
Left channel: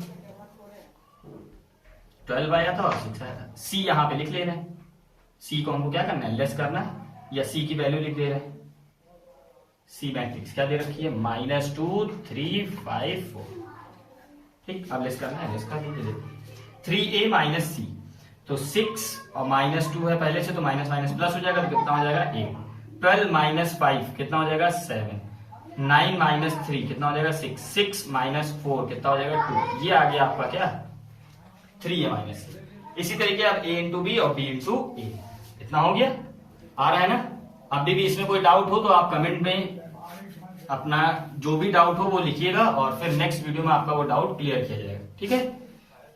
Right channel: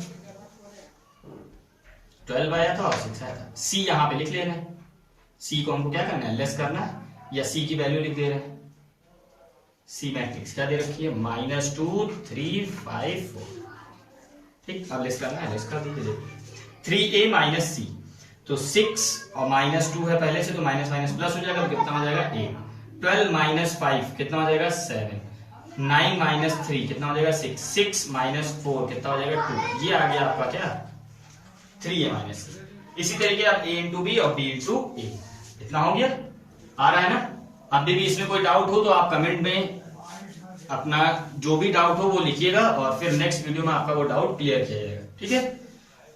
12 आया था और 6 आया था, c यहां पे लिख ले रहे हैं, c को हमको क्या करना है लेस करना है, या c की वैल्यू लिख दे रहे हैं। सी मैट्रिक्स क्या दे रखी है -2 3 5 4, ठीक, अब लेस करना है, लेस कर दीजिए 3a माइनस सी, तो 6 और -2 है पहले से, तो माइनस माइनस प्लस हो जाएगा, तो कितना हो जाएगा 8, 12 - 5 कितना हो जाएगा 7, 9 - 3 कितना हो जाएगा 6, 6 - 4 कितना हो जाएगा 2, ये आ गया आपका क्या 3a माइनस। इसी तरीके अब a इंटू बी और b इंटू ए, इतना हो गया, आ रहा है ना। अभी भी इसमें कोई डाउट हो तो आप कमेंट में अपना जो भी डाउट हो वो लिखिएगा और फिर नेक्स्ट वीडियो में आपका वो डाउट क्लियर किया जाएगा, ठीक है।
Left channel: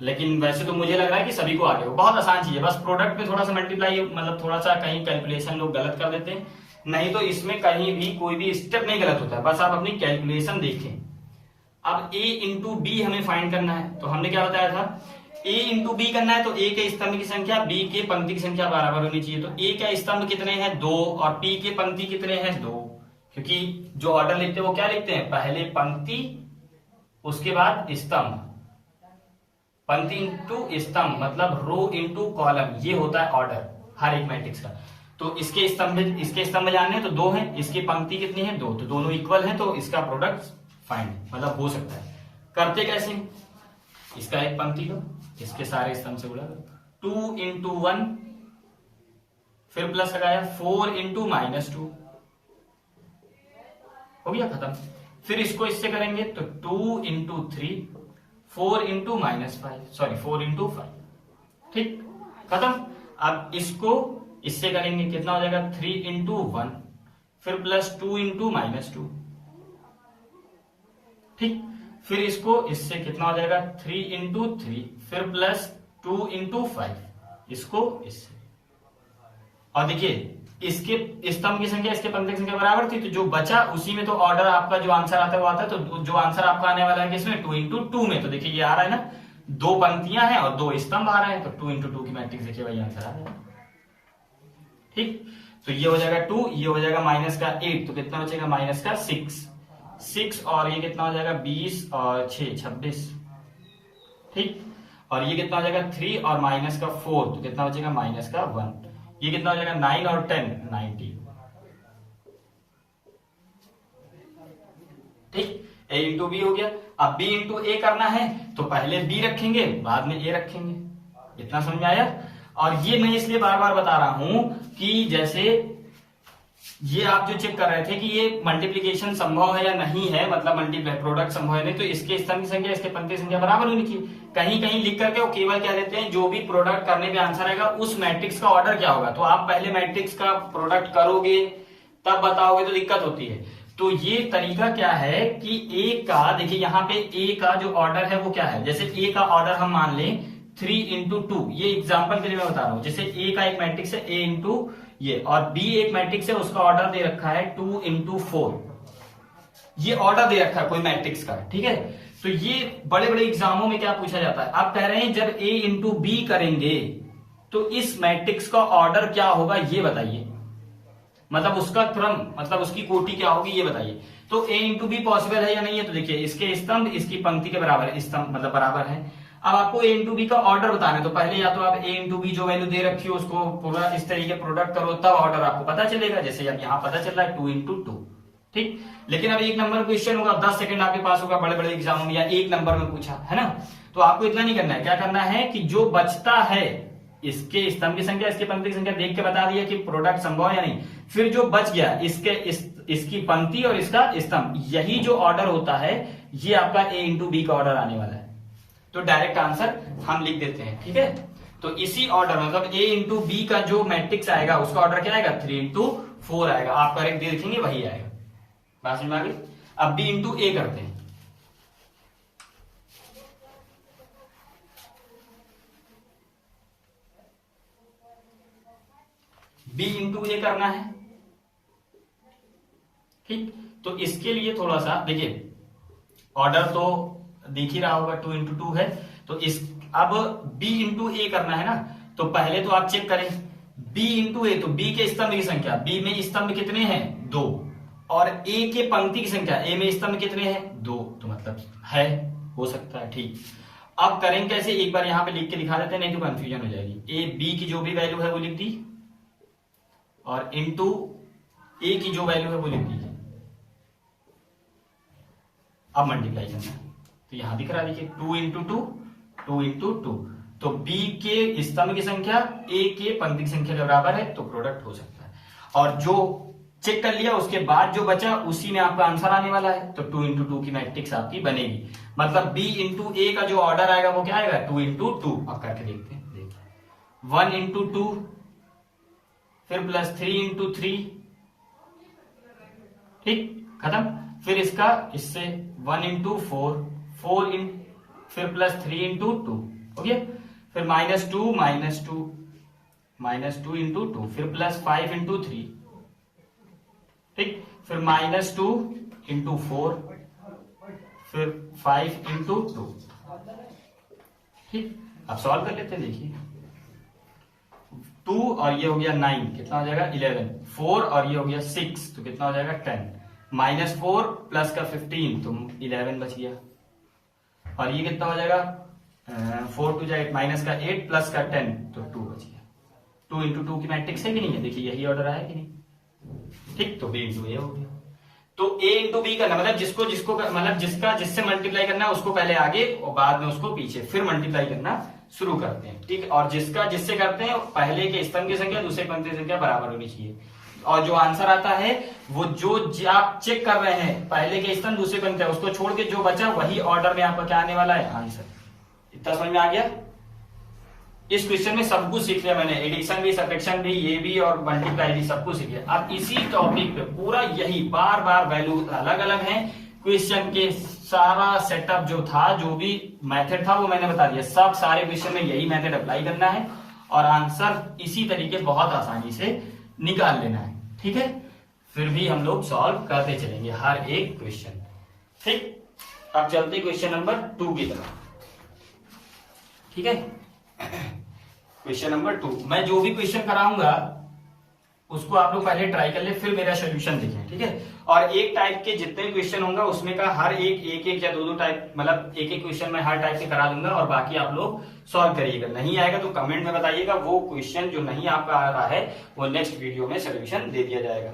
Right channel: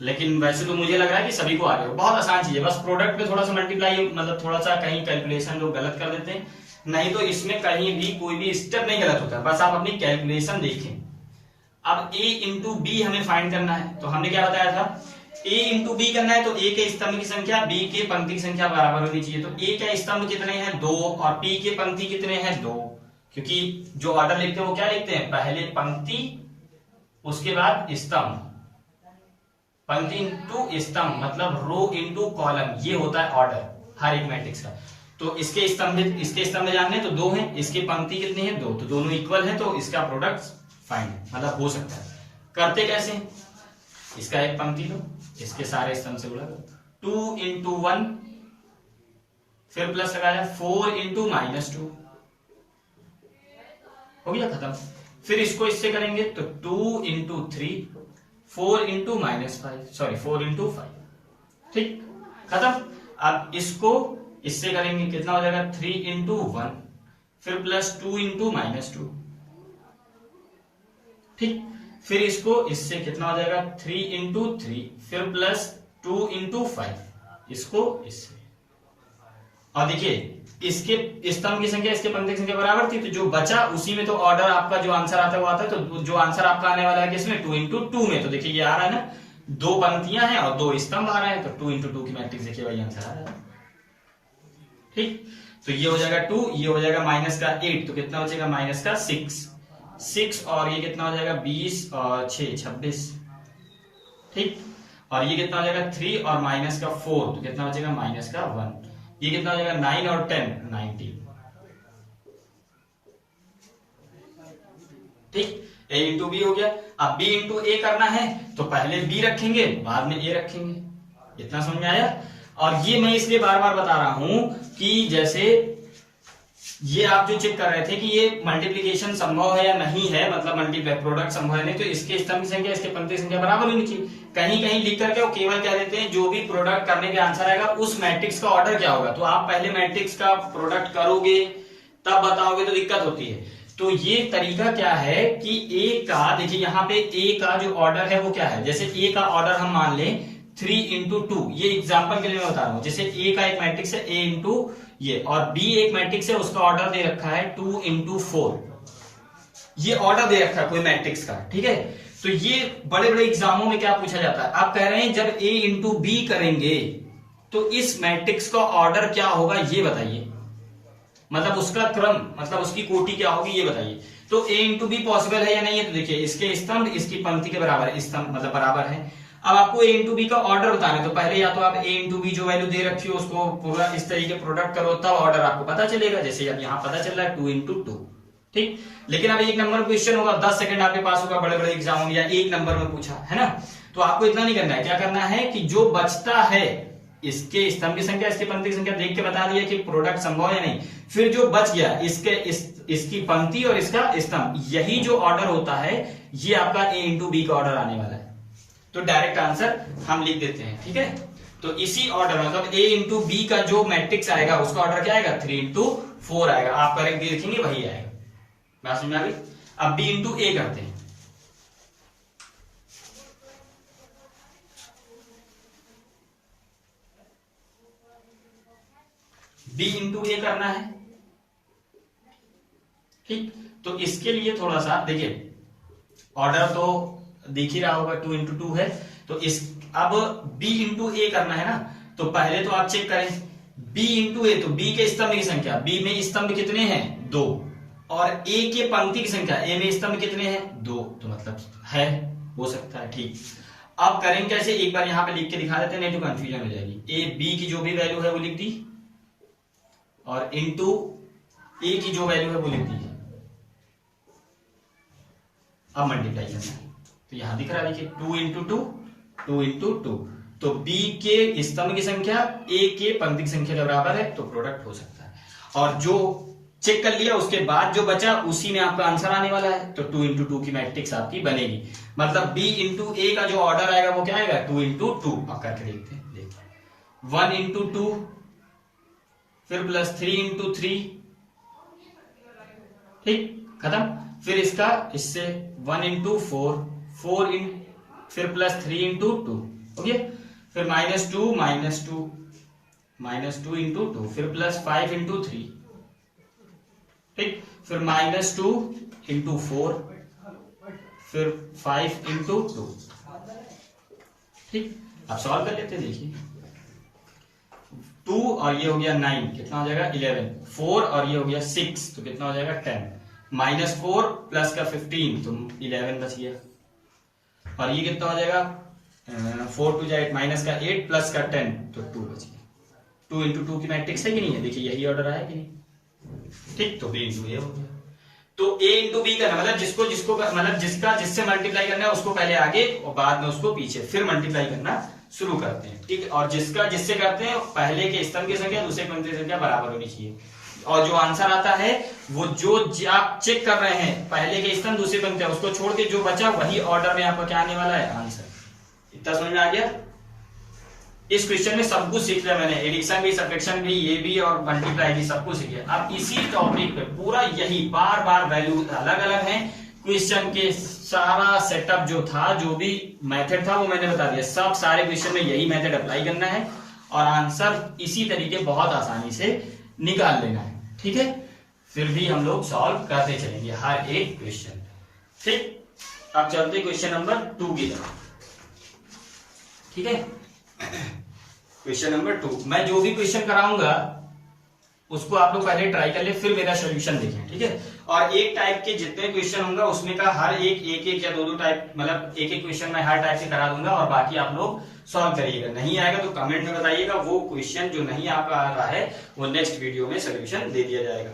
लेकिन वैसे तो मुझे लग रहा है कि सभी को आ गया, बहुत आसान चीज है, बस प्रोडक्ट पे थोड़ा सा मल्टीप्लाई मतलब थोड़ा सा कहीं कैलकुलेशन लोग गलत कर देते हैं, नहीं तो इसमें कहीं भी कोई भी स्टेप नहीं गलत होता है, बस आप अपनी कैलकुलेशन देखें। अब a इंटू बी हमें फाइंड करना है, तो हमने क्या बताया था, a इंटू बी करना है तो a के स्तंभ की संख्या b के पंक्ति की संख्या बराबर होनी चाहिए। तो a के स्तंभ कितने हैं 2 और p के पंक्ति कितने हैं 2, क्योंकि जो ऑर्डर लिखते हैं वो क्या लिखते हैं, पहले पंक्ति उसके बाद स्तंभ, पंक्ति इंटू स्तंभ मतलब रो इंटू कॉलम, ये होता है ऑर्डर हर एक मैट्रिक्स का। तो इसके स्तंभ जानने तो 2 हैं, इसकी पंक्ति कितनी है 2, तो दोनों इक्वल हैं, तो इसका प्रोडक्ट फाइंड मतलब हो सकता है। करते कैसे, इसका एक पंक्ति लो, इसके सारे स्तंभ से गुणा, 2 इंटू 1 फिर प्लस लगाया 4 इंटू -2 हो गया खत्म। फिर इसको इससे करेंगे तो 2 इंटू 3 4 इंटू -5 ठीक, खत्म। अब इसको इससे करेंगे कितना हो जाएगा 3 इंटू 1 फिर प्लस 2 इंटू -2 ठीक। फिर इसको इससे कितना हो जाएगा 3 इंटू 3 फिर प्लस 2 इंटू 5, इसको इससे, और देखिए इसके स्तंभ की संख्या इसके पंक्ति की संख्या बराबर थी, तो जो बचा उसी में तो ऑर्डर आपका जो आंसर आता है वो आता है। तो जो आंसर आपका आने वाला है किसमें 2 इंटू 2 में, तो देखिए ये आ रहा है ना, 2 पंक्तियां हैं और 2 स्तंभ आ रहे हैं, तो 2 इंटू 2 की मैट्रिक्स देखिए वही आंसर आ रहा है, ठीक। तो ये हो जाएगा 2, ये हो जाएगा -8, तो कितना बचेगा -6 और ये कितना हो जाएगा 20 और 6 26 ठीक। और ये कितना हो जाएगा 3 और -4, तो कितना बचेगा -1, ये कितना हो जाएगा 9 और 10 19 ठीक। a इंटू बी हो गया। अब b इंटू ए करना है तो पहले b रखेंगे बाद में a रखेंगे, इतना समझ में आया। और ये मैं इसलिए बार बार बता रहा हूं कि जैसे ये आप जो चेक कर रहे थे कि ये मल्टीप्लिकेशन संभव है या नहीं है, मतलब मल्टीप्लाई प्रोडक्ट संभव है नहीं, तो इसके स्तंभ की संख्या इसके पंक्ति की संख्या बराबर होनी चाहिए। कहीं कहीं लिख करके वो केवल क्या देते हैं, जो भी प्रोडक्ट करने पे आंसर आएगा उस मैट्रिक्स का ऑर्डर क्या होगा, तो आप पहले मैट्रिक्स का प्रोडक्ट करोगे तब बताओगे तो दिक्कत होती है। तो ये तरीका क्या है कि a का, देखिए यहाँ पे a का जो ऑर्डर है वो क्या है, जैसे a का ऑर्डर हम मान लें 3 इंटू 2, ये एग्जाम्पल के लिए मैं बता रहा हूं। जैसे a का एक मैट्रिक्स है a इंटू ये, और b एक मैट्रिक्स है उसका ऑर्डर दे रखा है 2 इंटू 4, ये ऑर्डर दे रखा है कोई मैट्रिक्स का, ठीक है। तो ये बड़े बड़े एग्जामों में क्या पूछा जाता है, आप कह रहे हैं जब a इंटू बी करेंगे तो इस मैट्रिक्स का ऑर्डर क्या होगा ये बताइए, मतलब उसका क्रम, मतलब उसकी कोटि क्या होगी ये बताइए। तो a इंटू बी पॉसिबल है या नहीं है, तो देखिए इसके स्तंभ इसकी पंक्ति के बराबर है, स्तंभ मतलब बराबर है। अब आपको a इंटू बी का ऑर्डर बताना है, तो पहले या तो आप a इंटू बी जो वैल्यू दे रखी हो उसको पूरा इस तरीके प्रोडक्ट करो, तब ऑर्डर आपको पता चलेगा। जैसे अब यहाँ पता चल रहा है 2 इंटू 2 ठीक। लेकिन अब 1 नंबर क्वेश्चन होगा, 10 सेकंड आपके पास होगा बड़े बड़े एग्जामों में, या 1 नंबर में पूछा है ना, तो आपको इतना नहीं करना है। क्या करना है कि जो बचता है इसके स्तंभ की संख्या इसके पंक्ति की संख्या देख के बता दिया कि प्रोडक्ट संभव या नहीं, फिर जो बच गया इसकी पंक्ति और इसका स्तंभ, यही जो ऑर्डर होता है ये आपका a इंटू बी का ऑर्डर आने वाला है। तो डायरेक्ट आंसर हम लिख देते हैं, ठीक है। तो इसी ऑर्डर मतलब a इंटू बी का जो मैट्रिक्स आएगा उसका ऑर्डर क्या आएगा 3 इंटू 4 आएगा, आप करेक्ट देखेंगे वही आएगा। बात समझ में आ गई। अब b इंटू ए करते हैं, b इंटू ए करना है ठीक। तो इसके लिए थोड़ा सा देखिए, ऑर्डर तो देख ही रहा होगा 2 इंटू 2 है, तो इस अब b इंटू ए करना है ना, तो पहले तो आप चेक करें b इंटू ए, तो b के स्तंभ की संख्या, b में स्तंभ कितने हैं 2, और a के पंक्ति की संख्या a में स्तंभ कितने हैं 2, तो मतलब है, हो सकता है ठीक। अब करेंगे कैसे, एक बार यहां पे लिख के दिखा देते हैं, नहीं तो कंफ्यूजन हो जाएगी। a b की जो भी वैल्यू है वो लिख दी, और इंटू a की जो वैल्यू है वो लिख दी। अब मल्टीप्लाई करना है, तो यहां दिख रहा है देखिए 2 इंटू 2 इंटू 2, तो b के स्तंभ की संख्या a के पंक्ति की संख्या के बराबर है, तो प्रोडक्ट हो सकता है। और जो चेक कर लिया उसके बाद जो बचा उसी में आपका आंसर आने वाला है, तो 2 इंटू 2 की मैट्रिक्स आपकी बनेगी। मतलब b इंटू ए का जो ऑर्डर आएगा वो क्या आएगा 2 इंटू 2। अब करके देखते हैं, देखिए 1 इंटू 2, फिर प्लस 3 इंटू 3, ठीक, खत्म। फिर इसका इससे 1 इंटू 4, 4 इन, फिर प्लस 3 इंटू 2, ओके। फिर -2 -2 इंटू 2, फिर प्लस 5 इंटू 3, ठीक। फिर -2 इंटू 4, फिर 5 इंटू 2, ठीक। अब सॉल्व कर लेते हैं, देखिए 2 और ये हो गया 9, कितना हो जाएगा 11, 4 और ये हो गया 6, तो कितना हो जाएगा 10, -4 प्लस का 15, तो 11 बच गया। और ये कितना हो जाएगा 4 2 8, माइनस का 8 प्लस का 10, तो 2 बच गया। 2 इंटू 2 की मैट्रिक्स है कि नहीं है, देखिए यही ऑर्डर आया कि नहीं, ठीक। तो B इंटू ए हो गया। तो A इंटू बी करना मतलब जिसको मतलब जिससे मल्टीप्लाई करना है उसको पहले आगे और बाद में उसको पीछे, फिर मल्टीप्लाई करना शुरू करते हैं, ठीक। और जिससे करते हैं पहले के स्तंभ की संख्या दूसरे पंक्ति की संख्या बराबर होनी चाहिए। और जो आंसर आता है वो जो आप चेक कर रहे हैं पहले के स्तंभ दूसरे पंक्ति, उसको छोड़ के जो बचा वही ऑर्डर में आपका क्या आने वाला है, आंसर। इतना समझ में आ गया। इस क्वेश्चन में सब कुछ सीख लिया मैंने, एडिशन भी, सब्ट्रैक्शन भी, ये भी और मल्टीप्लाई भी, सब कुछ सीख लिया। अब इसी टॉपिक पे पूरा यही बार बार वैल्यू अलग अलग हैं, क्वेश्चन के सारा सेटअप जो था, जो भी मेथड था वो मैंने बता दिया। सब सारे क्वेश्चन में यही मेथड अप्लाई करना है और आंसर इसी तरीके बहुत आसानी से निकाल लेना है, ठीक है। फिर भी हम लोग सॉल्व करते चलेंगे हर एक क्वेश्चन, ठीक। अब चलते क्वेश्चन नंबर 2 की तरफ, ठीक है। क्वेश्चन नंबर 2, मैं जो भी क्वेश्चन कराऊंगा उसको आप लोग पहले ट्राई कर ले, फिर मेरा सोल्यूशन देखें, ठीक है। और एक टाइप के जितने क्वेश्चन होंगे उसमें का हर एक या दो टाइप, मतलब एक क्वेश्चन मैं हर टाइप के करा दूंगा और बाकी आप लोग सॉल्व करिएगा। नहीं आएगा तो कमेंट में बताइएगा, वो क्वेश्चन जो नहीं आपका आ रहा है वो नेक्स्ट वीडियो में सोल्यूशन दे दिया जाएगा।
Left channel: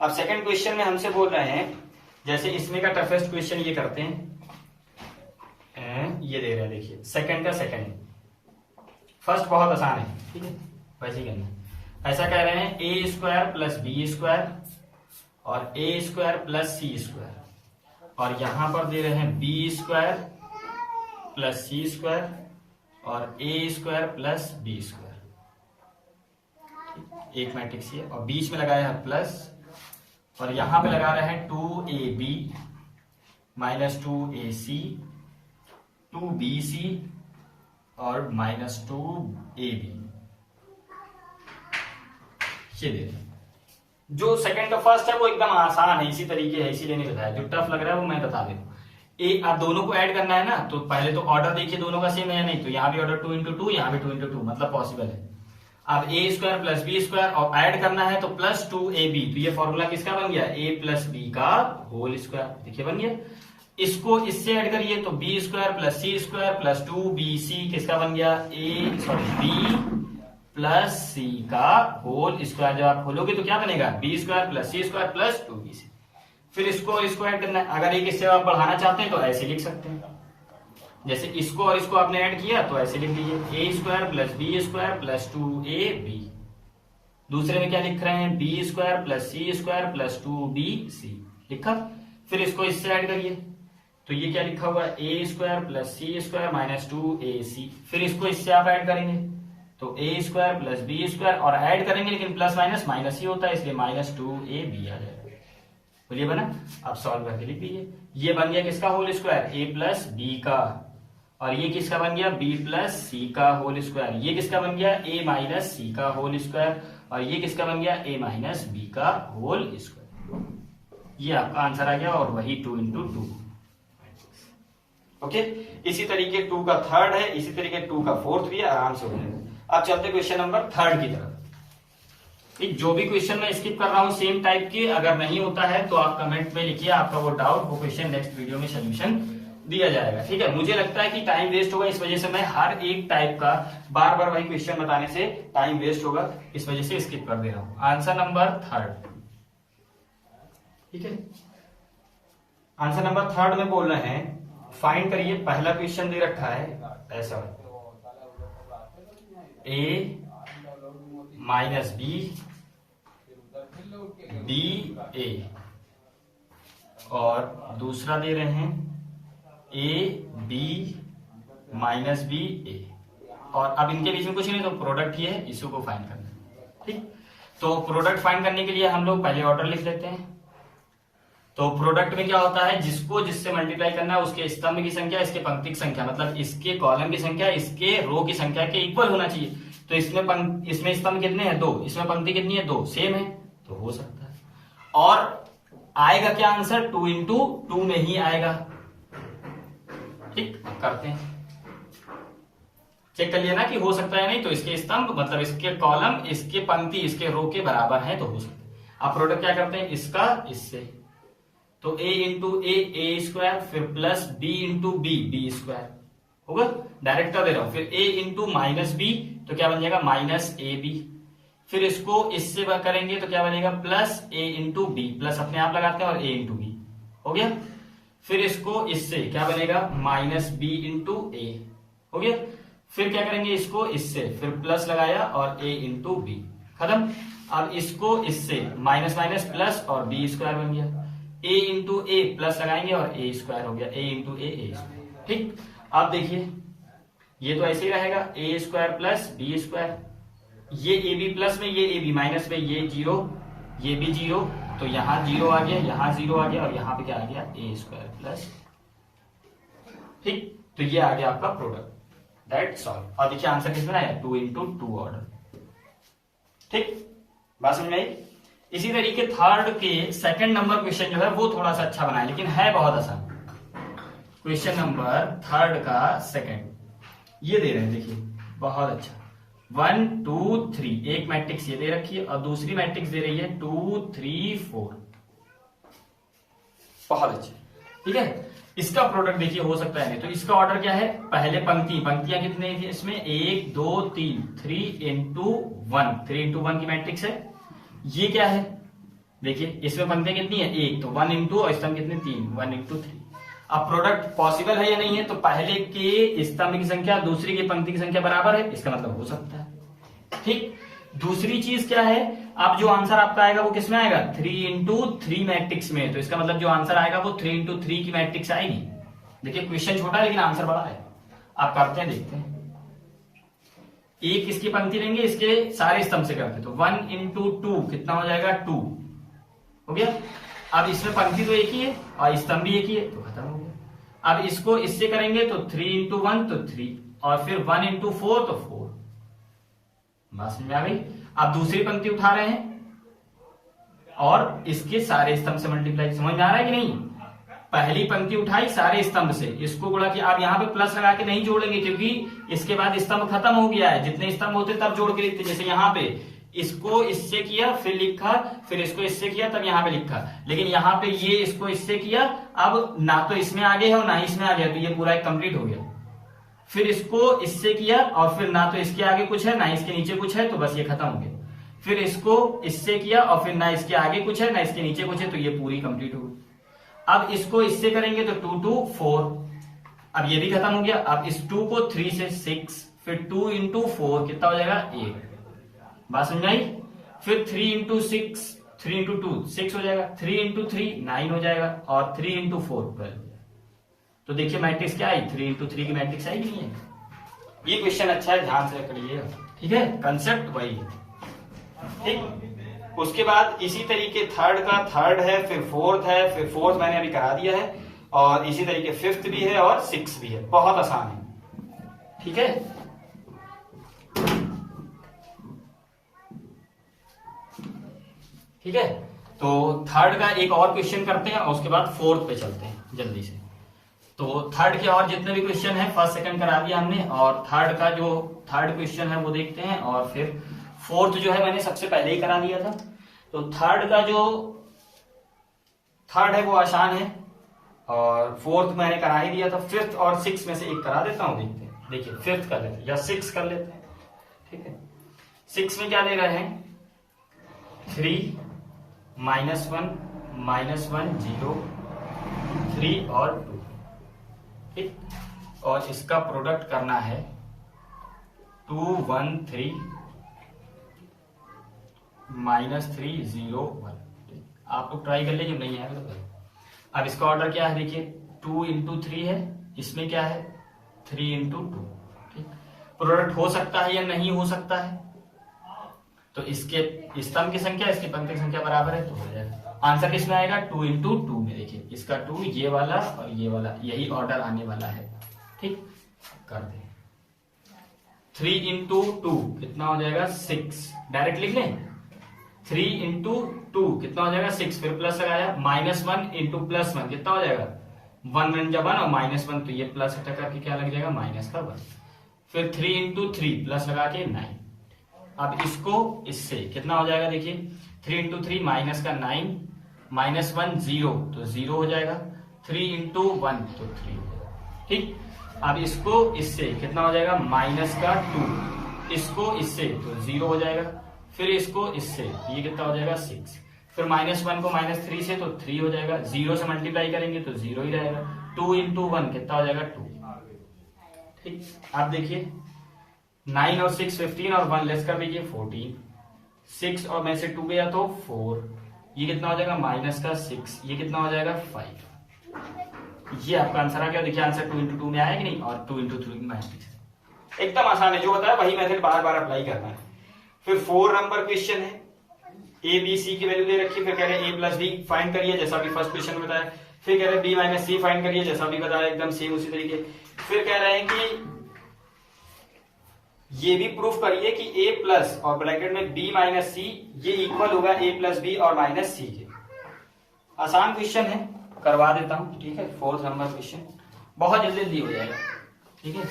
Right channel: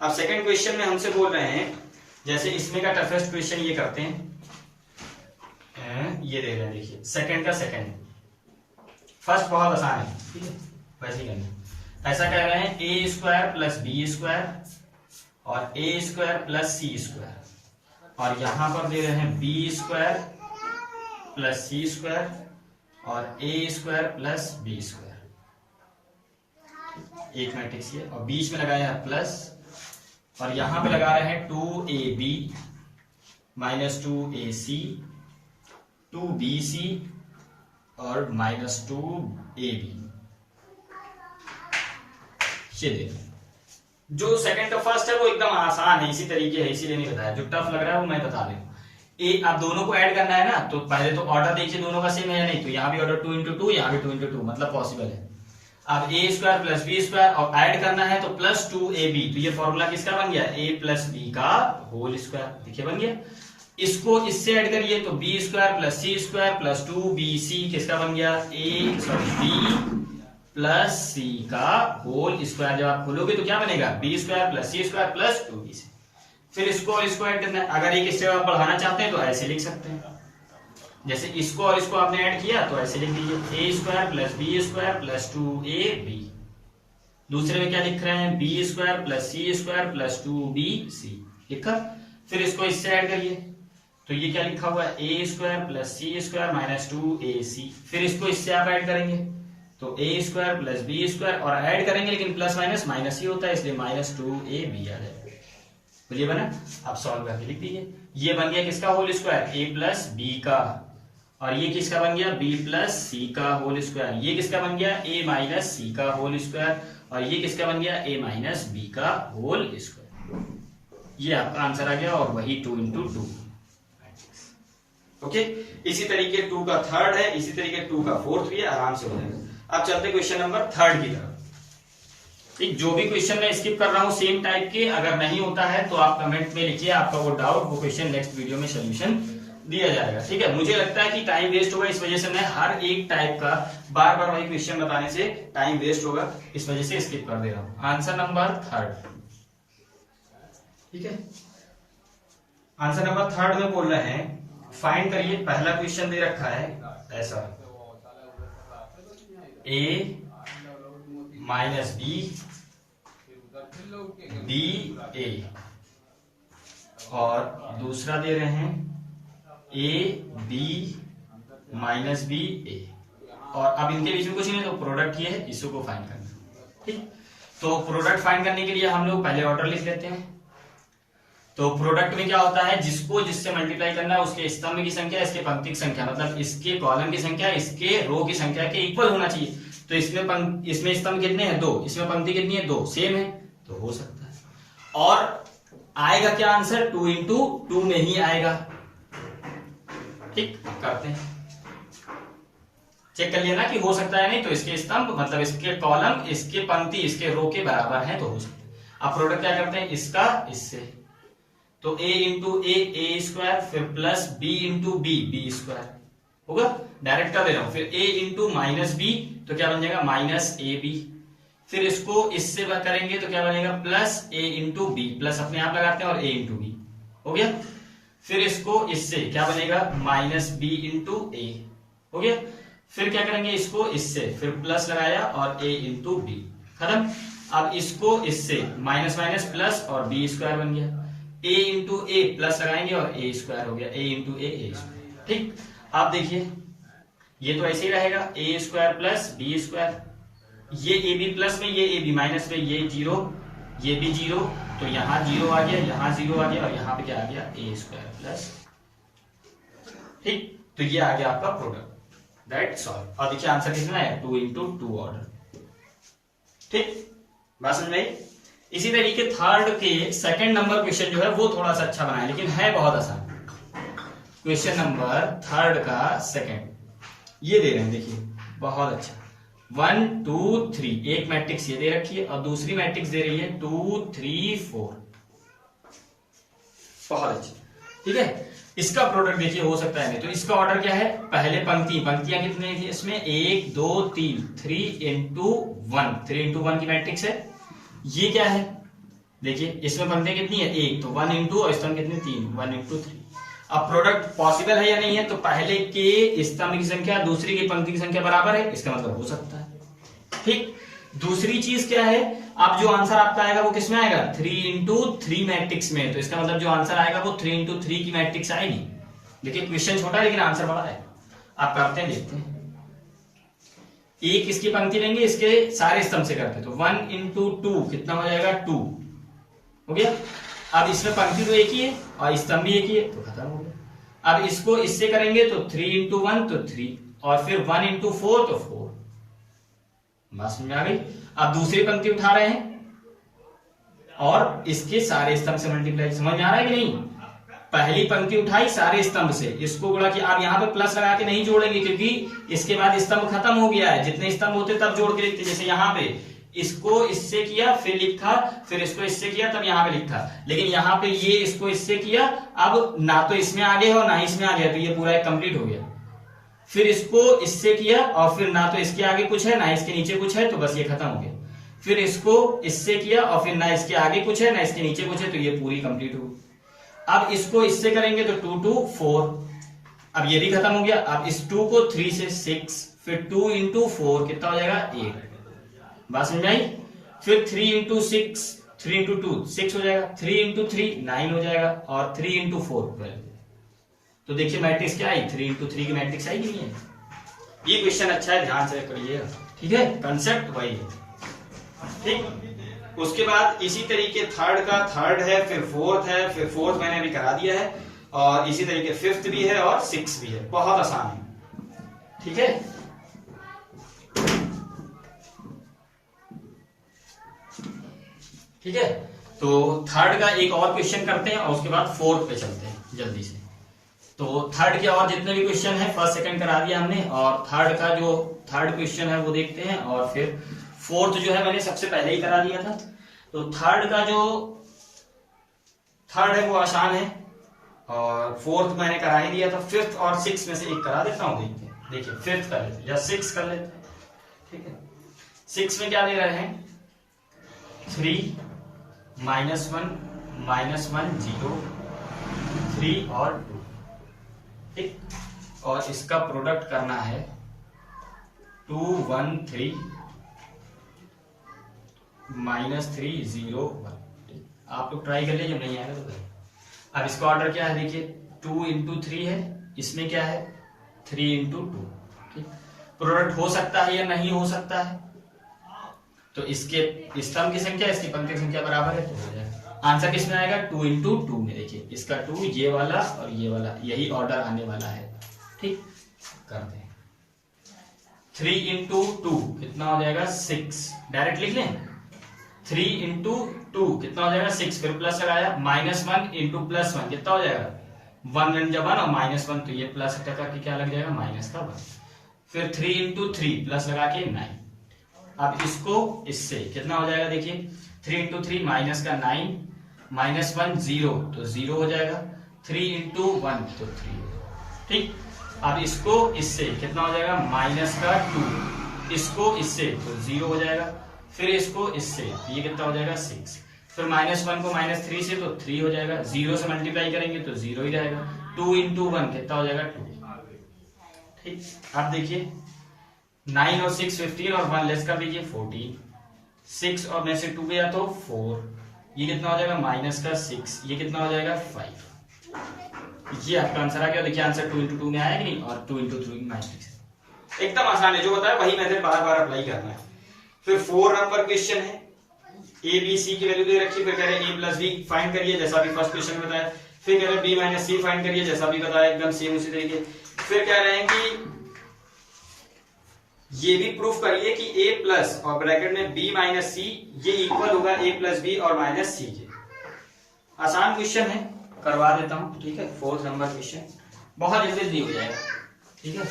अब सेकंड क्वेश्चन में हमसे बोल रहे हैं, जैसे इसमें का टफेस्ट क्वेश्चन ये करते हैं, ये दे रहे हैं, देखिए सेकंड का सेकंड, फर्स्ट बहुत आसान है, ठीक है, वैसे ही करना। ऐसा कह रहे हैं ए स्क्वायर प्लस बी स्क्वायर और ए स्क्वायर प्लस सी स्क्वायर, और यहां पर दे रहे हैं b square plus c square और ए स्क्वायर प्लस बी स्क्वायर, एक मैट्रिक्स है, और बीच में लगाया है प्लस, और यहां पे लगा रहे हैं 2ab माइनस 2ac 2bc और -2ab, ये देखिए। जो सेकंड का फर्स्ट है वो एकदम आसान है, इसी तरीके है, इसीलिए नहीं बताया। जो टफ लग रहा है वो मैं बता दूं। ए आप दोनों को ऐड करना है ना, तो पहले तो ऑर्डर देखिए दोनों का सेम है नहीं, तो यहाँ भी ऑर्डर 2 इंटू 2, यहाँ भी 2 इंटू 2, मतलब पॉसिबल है। अब ए स्क्वायर प्लस बी स्क्वायर और ऐड करना है तो प्लस 2ab, तो ये फॉर्मूला किसका बन गया, a प्लस बी का होल स्क्वायर, देखिए बन गया। इसको इससे ऐड करिए तो B square plus c square plus 2bc किसका बन गया, बी प्लस सी का होल स्क्वायर। जब आप खोलोगे तो क्या बनेगा, B square plus c square plus 2bc। फिर इसको ऐड करना है, अगर एक इससे आप बढ़ाना चाहते हैं तो ऐसे लिख सकते हैं, जैसे इसको और इसको आपने ऐड किया तो ऐसे लिख लीजिए, a square plus b square plus 2ab। दूसरे में क्या लिख रहे हैं, b square plus c square plus 2bc लिखा। फिर इसको इससे ऐड करिए तो ये क्या लिखा हुआ है, a square plus c square minus 2ac। फिर इसको इससे आप ऐड करेंगे तो a square plus b square, और ऐड करेंगे लेकिन प्लस माइनस माइनस ही होता है इसलिए माइनस 2ab आ जाएगा। बोलिए बना। अब सॉल्व करके लिख दीजिए, ये बन गया किसका whole square, a plus b का, और ये किसका बन गया, b प्लस सी का होल स्क्वायर। ये किसका बन गया, a माइनस सी का होल स्क्वायर, और ये किसका बन गया, a माइनस बी का होल स्क्वायर। ये आपका आंसर आ गया, और वही 2 इंटू 2। ओके, इसी तरीके 2 का थर्ड है, इसी तरीके 2 का फोर्थ भी है, आराम से हो जाएगा। अब चलते क्वेश्चन नंबर 3 की तरफ। ठीक, जो भी क्वेश्चन मैं स्किप कर रहा हूं सेम टाइप के, अगर नहीं होता है तो आप कमेंट में लिखिए आपका वो डाउट, वो क्वेश्चन नेक्स्ट वीडियो में सोल्यूशन दिया जाएगा। ठीक है, मुझे लगता है कि टाइम वेस्ट होगा, इस वजह से मैं हर एक टाइप का बार बार वही क्वेश्चन बताने से टाइम वेस्ट होगा, इस वजह से स्किप कर दे रहा हूं। आंसर नंबर 3, ठीक है, आंसर नंबर 3 में बोल रहे हैं फाइंड करिए। पहला क्वेश्चन दे रखा है ऐसा, a माइनस बी a, और दूसरा दे रहे हैं a b minus b a, और अब इनके बीच में कुछ नहीं, तो प्रोडक्ट ही है, इसी को फाइंड करना है। ठीक, तो प्रोडक्ट फाइंड करने के लिए हम लोग पहले ऑर्डर लिख देते हैं। तो प्रोडक्ट में क्या होता है, जिसको जिससे मल्टीप्लाई करना है उसके स्तंभ की संख्या, इसके पंक्ति की संख्या, मतलब इसके कॉलम की संख्या इसके रो की संख्या के इक्वल होना चाहिए। तो इसमें स्तंभ कितने हैं, 2, इसमें पंक्ति कितनी है, 2, सेम है, तो हो सकता है। और आएगा क्या आंसर, 2 इंटू 2 में ही आएगा। ठीक, करते हैं, चेक कर लेना कि हो सकता है नहीं, तो इसके स्तंभ मतलब इसके कॉलम, इसके पंक्ति, इसके रो के बराबर है, तो हो सकता है। अब प्रोडक्ट क्या करते हैं, इसका इससे, तो a इंटू ए स्क्वायर, फिर plus b into b square होगा, डायरेक्ट कर दे रहा हूं। फिर a इंटू माइनस बी, तो क्या बन जाएगा, माइनस ए बी। फिर इसको इससे करेंगे तो क्या बनेगा, plus a into b, plus अपने आप लगाते हैं और a इंटू बी हो गया। फिर इसको इससे क्या बनेगा, माइनस बी इंटू ए हो गया। फिर क्या करेंगे, इसको इससे, फिर प्लस लगाया और a इंटू बी, खत्म। अब इसको इससे, माइनस माइनस प्लस और बी स्क्वायर बन गया। a इंटू ए प्लस लगाएंगे और a स्क्वायर हो गया, a इंटू ए स्क्वायर। ठीक, आप देखिए ये तो ऐसे ही रहेगा, a square plus b square, ये ए बी प्लस में, ये ए बी माइनस में, ये 0, ये भी 0, तो यहाँ 0 आ गया, यहाँ 0 आ गया, और यहाँ पे क्या आ गया, a स्क्वायर प्लस। ठीक, तो ये आ गया आपका प्रोडक्ट, दैट्स ऑल। और देखिए आंसर कितना है, 2 इंटू 2 ऑर्डर। ठीक, बात समझ में आई। इसी तरीके थर्ड के सेकंड नंबर क्वेश्चन जो है वो थोड़ा सा अच्छा बनाए, लेकिन है बहुत आसान। क्वेश्चन नंबर थर्ड का सेकंड ये दे रहे हैं, देखिए बहुत अच्छा, 1 2 3, एक मैट्रिक्स ये दे रखी है और दूसरी मैट्रिक्स दे रही है 2 3 4, बहुत अच्छी। ठीक है, इसका प्रोडक्ट देखिए हो सकता है नहीं, तो इसका ऑर्डर क्या है, पहले पंक्तियां कितने थी इसमें, 1 2 3, 3 इंटू 1, 3 इंटू 1 की मैट्रिक्स है। ये क्या है, देखिए इसमें पंक्तियां कितनी है, 1, तो 1 इंटू, और स्तंभ कितने, 3, 1 इंटू 3। अब प्रोडक्ट पॉसिबल है या नहीं है, तो पहले के स्तंभ की संख्या दूसरी की पंक्ति की संख्या बराबर है, इसका मतलब हो सकता है। ठीक, दूसरी चीज क्या है, अब जो आंसर आपका आएगा वो किसमें आएगा, 3 इंटू 3 मैट्रिक्स में, तो इसका मतलब जो आंसर आएगा वो 3 इंटू 3 की मैट्रिक्स आएगी। देखिए क्वेश्चन छोटा है लेकिन आंसर बड़ा है, आप करते हैं, देखते हैं। एक इसकी पंक्ति लेंगे, इसके सारे स्तंभ से करते हैं, तो 1 इंटू 2 कितना हो जाएगा, 2 हो गया। अब इसमें पंक्ति तो एक ही है और स्तंभ भी एक ही है, तो खत्म हो गया। अब इसको इससे करेंगे तो 3 इंटू 1 तो 3, और फिर 1 इंटू 4 तो 4। बात समझ में आ गई। अब दूसरी पंक्ति उठा रहे हैं और इसके सारे स्तंभ से मल्टीप्लाई, समझ में आ रहा है कि नहीं। पहली पंक्ति उठाई सारे स्तंभ से, इसको गुणा किया। आप यहाँ पे प्लस लगा के नहीं जोड़ेंगे क्योंकि इसके बाद स्तंभ खत्म हो गया है, जितने स्तंभ होते तब जोड़ के लिखते। जैसे यहाँ पे इसको इससे किया, फिर लिखा, फिर इसको इससे किया, तब यहाँ पे लिखा। लेकिन यहाँ पे ये इसको इससे किया, अब ना तो इसमें आगे है और ना ही इसमें आ गया, तो ये पूरा एक कंप्लीट हो गया। फिर इसको इससे किया और फिर ना तो इसके आगे कुछ है ना इसके नीचे कुछ है, तो बस ये खत्म हो गया। फिर इसको इससे किया और फिर ना इसके आगे कुछ है ना इसके नीचे कुछ है, तो ये पूरी कंप्लीट हो गई। अब इसको इससे करेंगे तो 2 2 4, अब ये भी खत्म हो गया। अब इस 2 को 3 से 6, फिर 2 इंटू 4 कितना हो जाएगा, 8। बात समझ आई। फिर 3 इंटू 6, 3 इंटू 2 6 हो जाएगा, 3 इंटू 3 9 हो जाएगा, और 3 इंटू 4 12। तो देखिए मैट्रिक्स क्या आई, 3 इंटू 3 की मैट्रिक्स आई कि नहीं है। ये क्वेश्चन अच्छा है, ध्यान से करिएगा। ठीक है, कंसेप्ट वही है। ठीक, उसके बाद इसी तरीके थर्ड का थर्ड है, फिर फोर्थ है, फिर फोर्थ मैंने अभी करा दिया है, और इसी तरीके फिफ्थ भी है और सिक्स भी है। बहुत आसान है। ठीक है, ठीक है। तो थर्ड का एक और क्वेश्चन करते हैं और उसके बाद फोर्थ पे चलते हैं जल्दी से। तो थर्ड के और जितने भी क्वेश्चन है फर्स्ट सेकंड करा दिया हमने, और थर्ड का जो थर्ड क्वेश्चन है वो देखते हैं, और फिर फोर्थ जो है मैंने सबसे पहले ही करा दिया था। तो थर्ड का जो थर्ड है वो आसान है, और फोर्थ मैंने करा ही दिया था। फिफ्थ और सिक्स में से एक करा देता हूं, देखते हैं। देखिए फिफ्थ कर लेते हैं या सिक्स कर लेते हैं। ठीक है, सिक्स में क्या दे रहे हैं, 3 -1 -1 0 3 और 2। ठीक, और इसका प्रोडक्ट करना है 2 1 3 -3 0 1। आप लोग ट्राई कर लीजिए, जब नहीं आएगा तो। अब इसका ऑर्डर क्या है, देखिए 2 इंटू 3 है, इसमें क्या है 3 इंटू 2। ठीक, प्रोडक्ट हो सकता है या नहीं हो सकता है? तो इसके स्तंभ की संख्या इसकी पंक्ति की संख्या बराबर है, तो हो जाएगा। आंसर किसमें आएगा? 2 इंटू 2 में। देखिए इसका 2, ये वाला और ये वाला, यही ऑर्डर आने वाला है। ठीक, करते हैं। 3 इंटू 2 कितना हो जाएगा? 6। डायरेक्ट लिख लें। 3 इंटू 2 कितना हो जाएगा? 6। फिर प्लस लगाया, -1 इंटू +1 कितना हो जाएगा? 1 1 जब 1 और -1, तो ये प्लस टका के क्या लग जाएगा? माइनस का 1। फिर 3 इंटू 3 प्लस लगा के 9। अब इसको इससे कितना हो जाएगा? देखिए 3 इंटू 3 माइनस का 9, -1 0, तो 0 हो जाएगा। 3 इंटू 1 तो 3। ठीक, अब इसको इससे कितना हो जाएगा? माइनस का 2, इसको इससे तो 0 हो जाएगा। फिर इसको इससे, ये कितना हो जाएगा? 6। फिर -1 को -3 से तो 3 हो जाएगा। 0 से मल्टीप्लाई करेंगे तो 0 ही रहेगा। 2 इंटू 1 कितना हो जाएगा? 2। ठीक, आप देखिए 9 और 6 15 और 1 लेस कर दीजिए 14। 6 और में से 2 गया तो 4, ये कितना हो जाएगा? माइनस का 6, ये कितना हो जाएगा? 5। ये आपका आंसर आ गया। देखिए आंसर 2 इंटू 2 में आया कि नहीं, और 2 इंटू 3 मैट्रिक्स। एकदम आसान है, जो होता है वही मेथड बार बार अप्लाई करना है। फिर 4 नंबर क्वेश्चन है, ए बी सी की वैल्यू दे रखी, फिर कह रहे हैं a प्लस बी फाइंड करिए, जैसा भी फर्स्ट क्वेश्चन में बताया। फिर कह रहे हैं b माइनस सी फाइंड करिए, जैसा भी बताया, एकदम सेम उसी तरीके। फिर कह रहे हैं कि ये भी प्रूफ करिए कि a प्लस और ब्रैकेट में b माइनस सी ये इक्वल होगा a प्लस बी और माइनस सी के। आसान क्वेश्चन है, करवा देता हूं। ठीक है, 4th नंबर क्वेश्चन बहुत जल्दी हो जाएगा। ठीक है,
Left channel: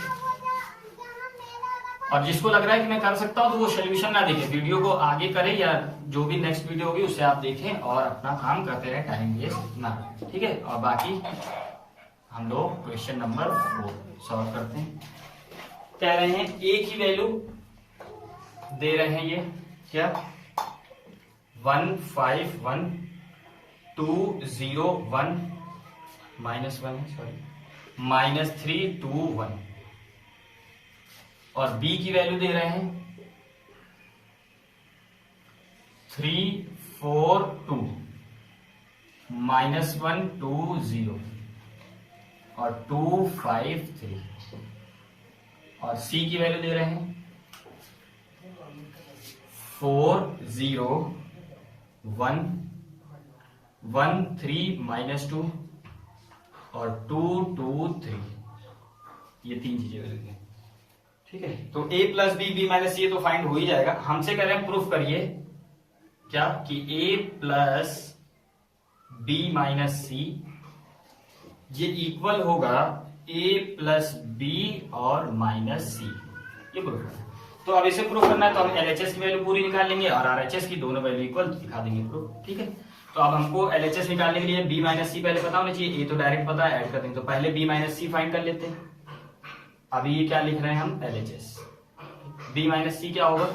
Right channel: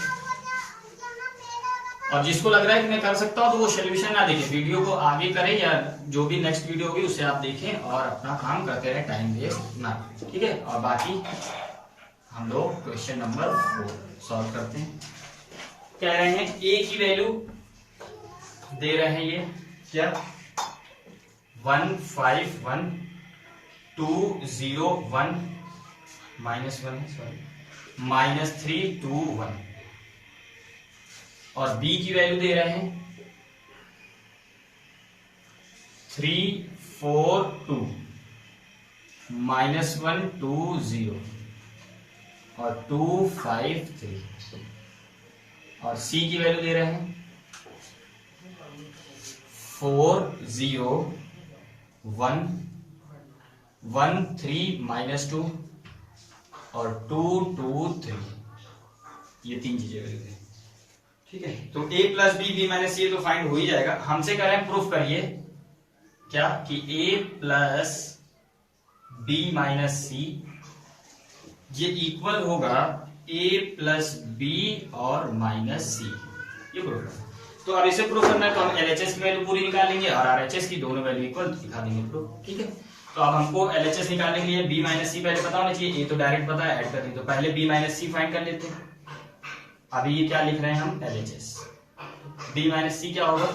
और जिसको लग रहा है कि मैं कर सकता हूं तो वो सोल्यूशन ना देखे, वीडियो को आगे करें, या जो भी नेक्स्ट वीडियो होगी उससे आप देखें और अपना काम करते रहे, टाइम वेस्ट ना। ठीक है, और बाकी हम लोग क्वेश्चन नंबर 4 सॉल्व करते हैं। कह रहे हैं a की वैल्यू दे रहे हैं, ये क्या 1 5 1 2 0 1 -1 सॉरी -3 2 1, और b की वैल्यू दे रहे हैं 3 4 2 -1 2 0 और 2 5 3, और c की वैल्यू दे रहे हैं 4 0 1 1 3 -2 और 2 2 3, ये 3 चीजें वैल्यू दें। ठीक है, तो a प्लस बी माइनस सी तो फाइंड हो ही जाएगा। हमसे कह रहे हैं प्रूफ करिए क्या कि a प्लस बी माइनस सी ये इक्वल होगा a प्लस बी और माइनस सी, ये प्रूफ है। तो अब इसे प्रूफ करना है तो हम LHS की वैल्यू पूरी निकालेंगे और RHS की, दोनों वैल्यू इक्वल दिखा देंगे प्रूफ। ठीक है, तो अब हमको LHS निकालने के लिए b माइनस सी पहले पता होना चाहिए, a तो डायरेक्ट पता है, ऐड कर देंगे। तो पहले b माइनस सी फाइंड कर लेते हैं। अभी ये क्या लिख रहे हैं हम? LHS। b माइनस सी क्या होगा?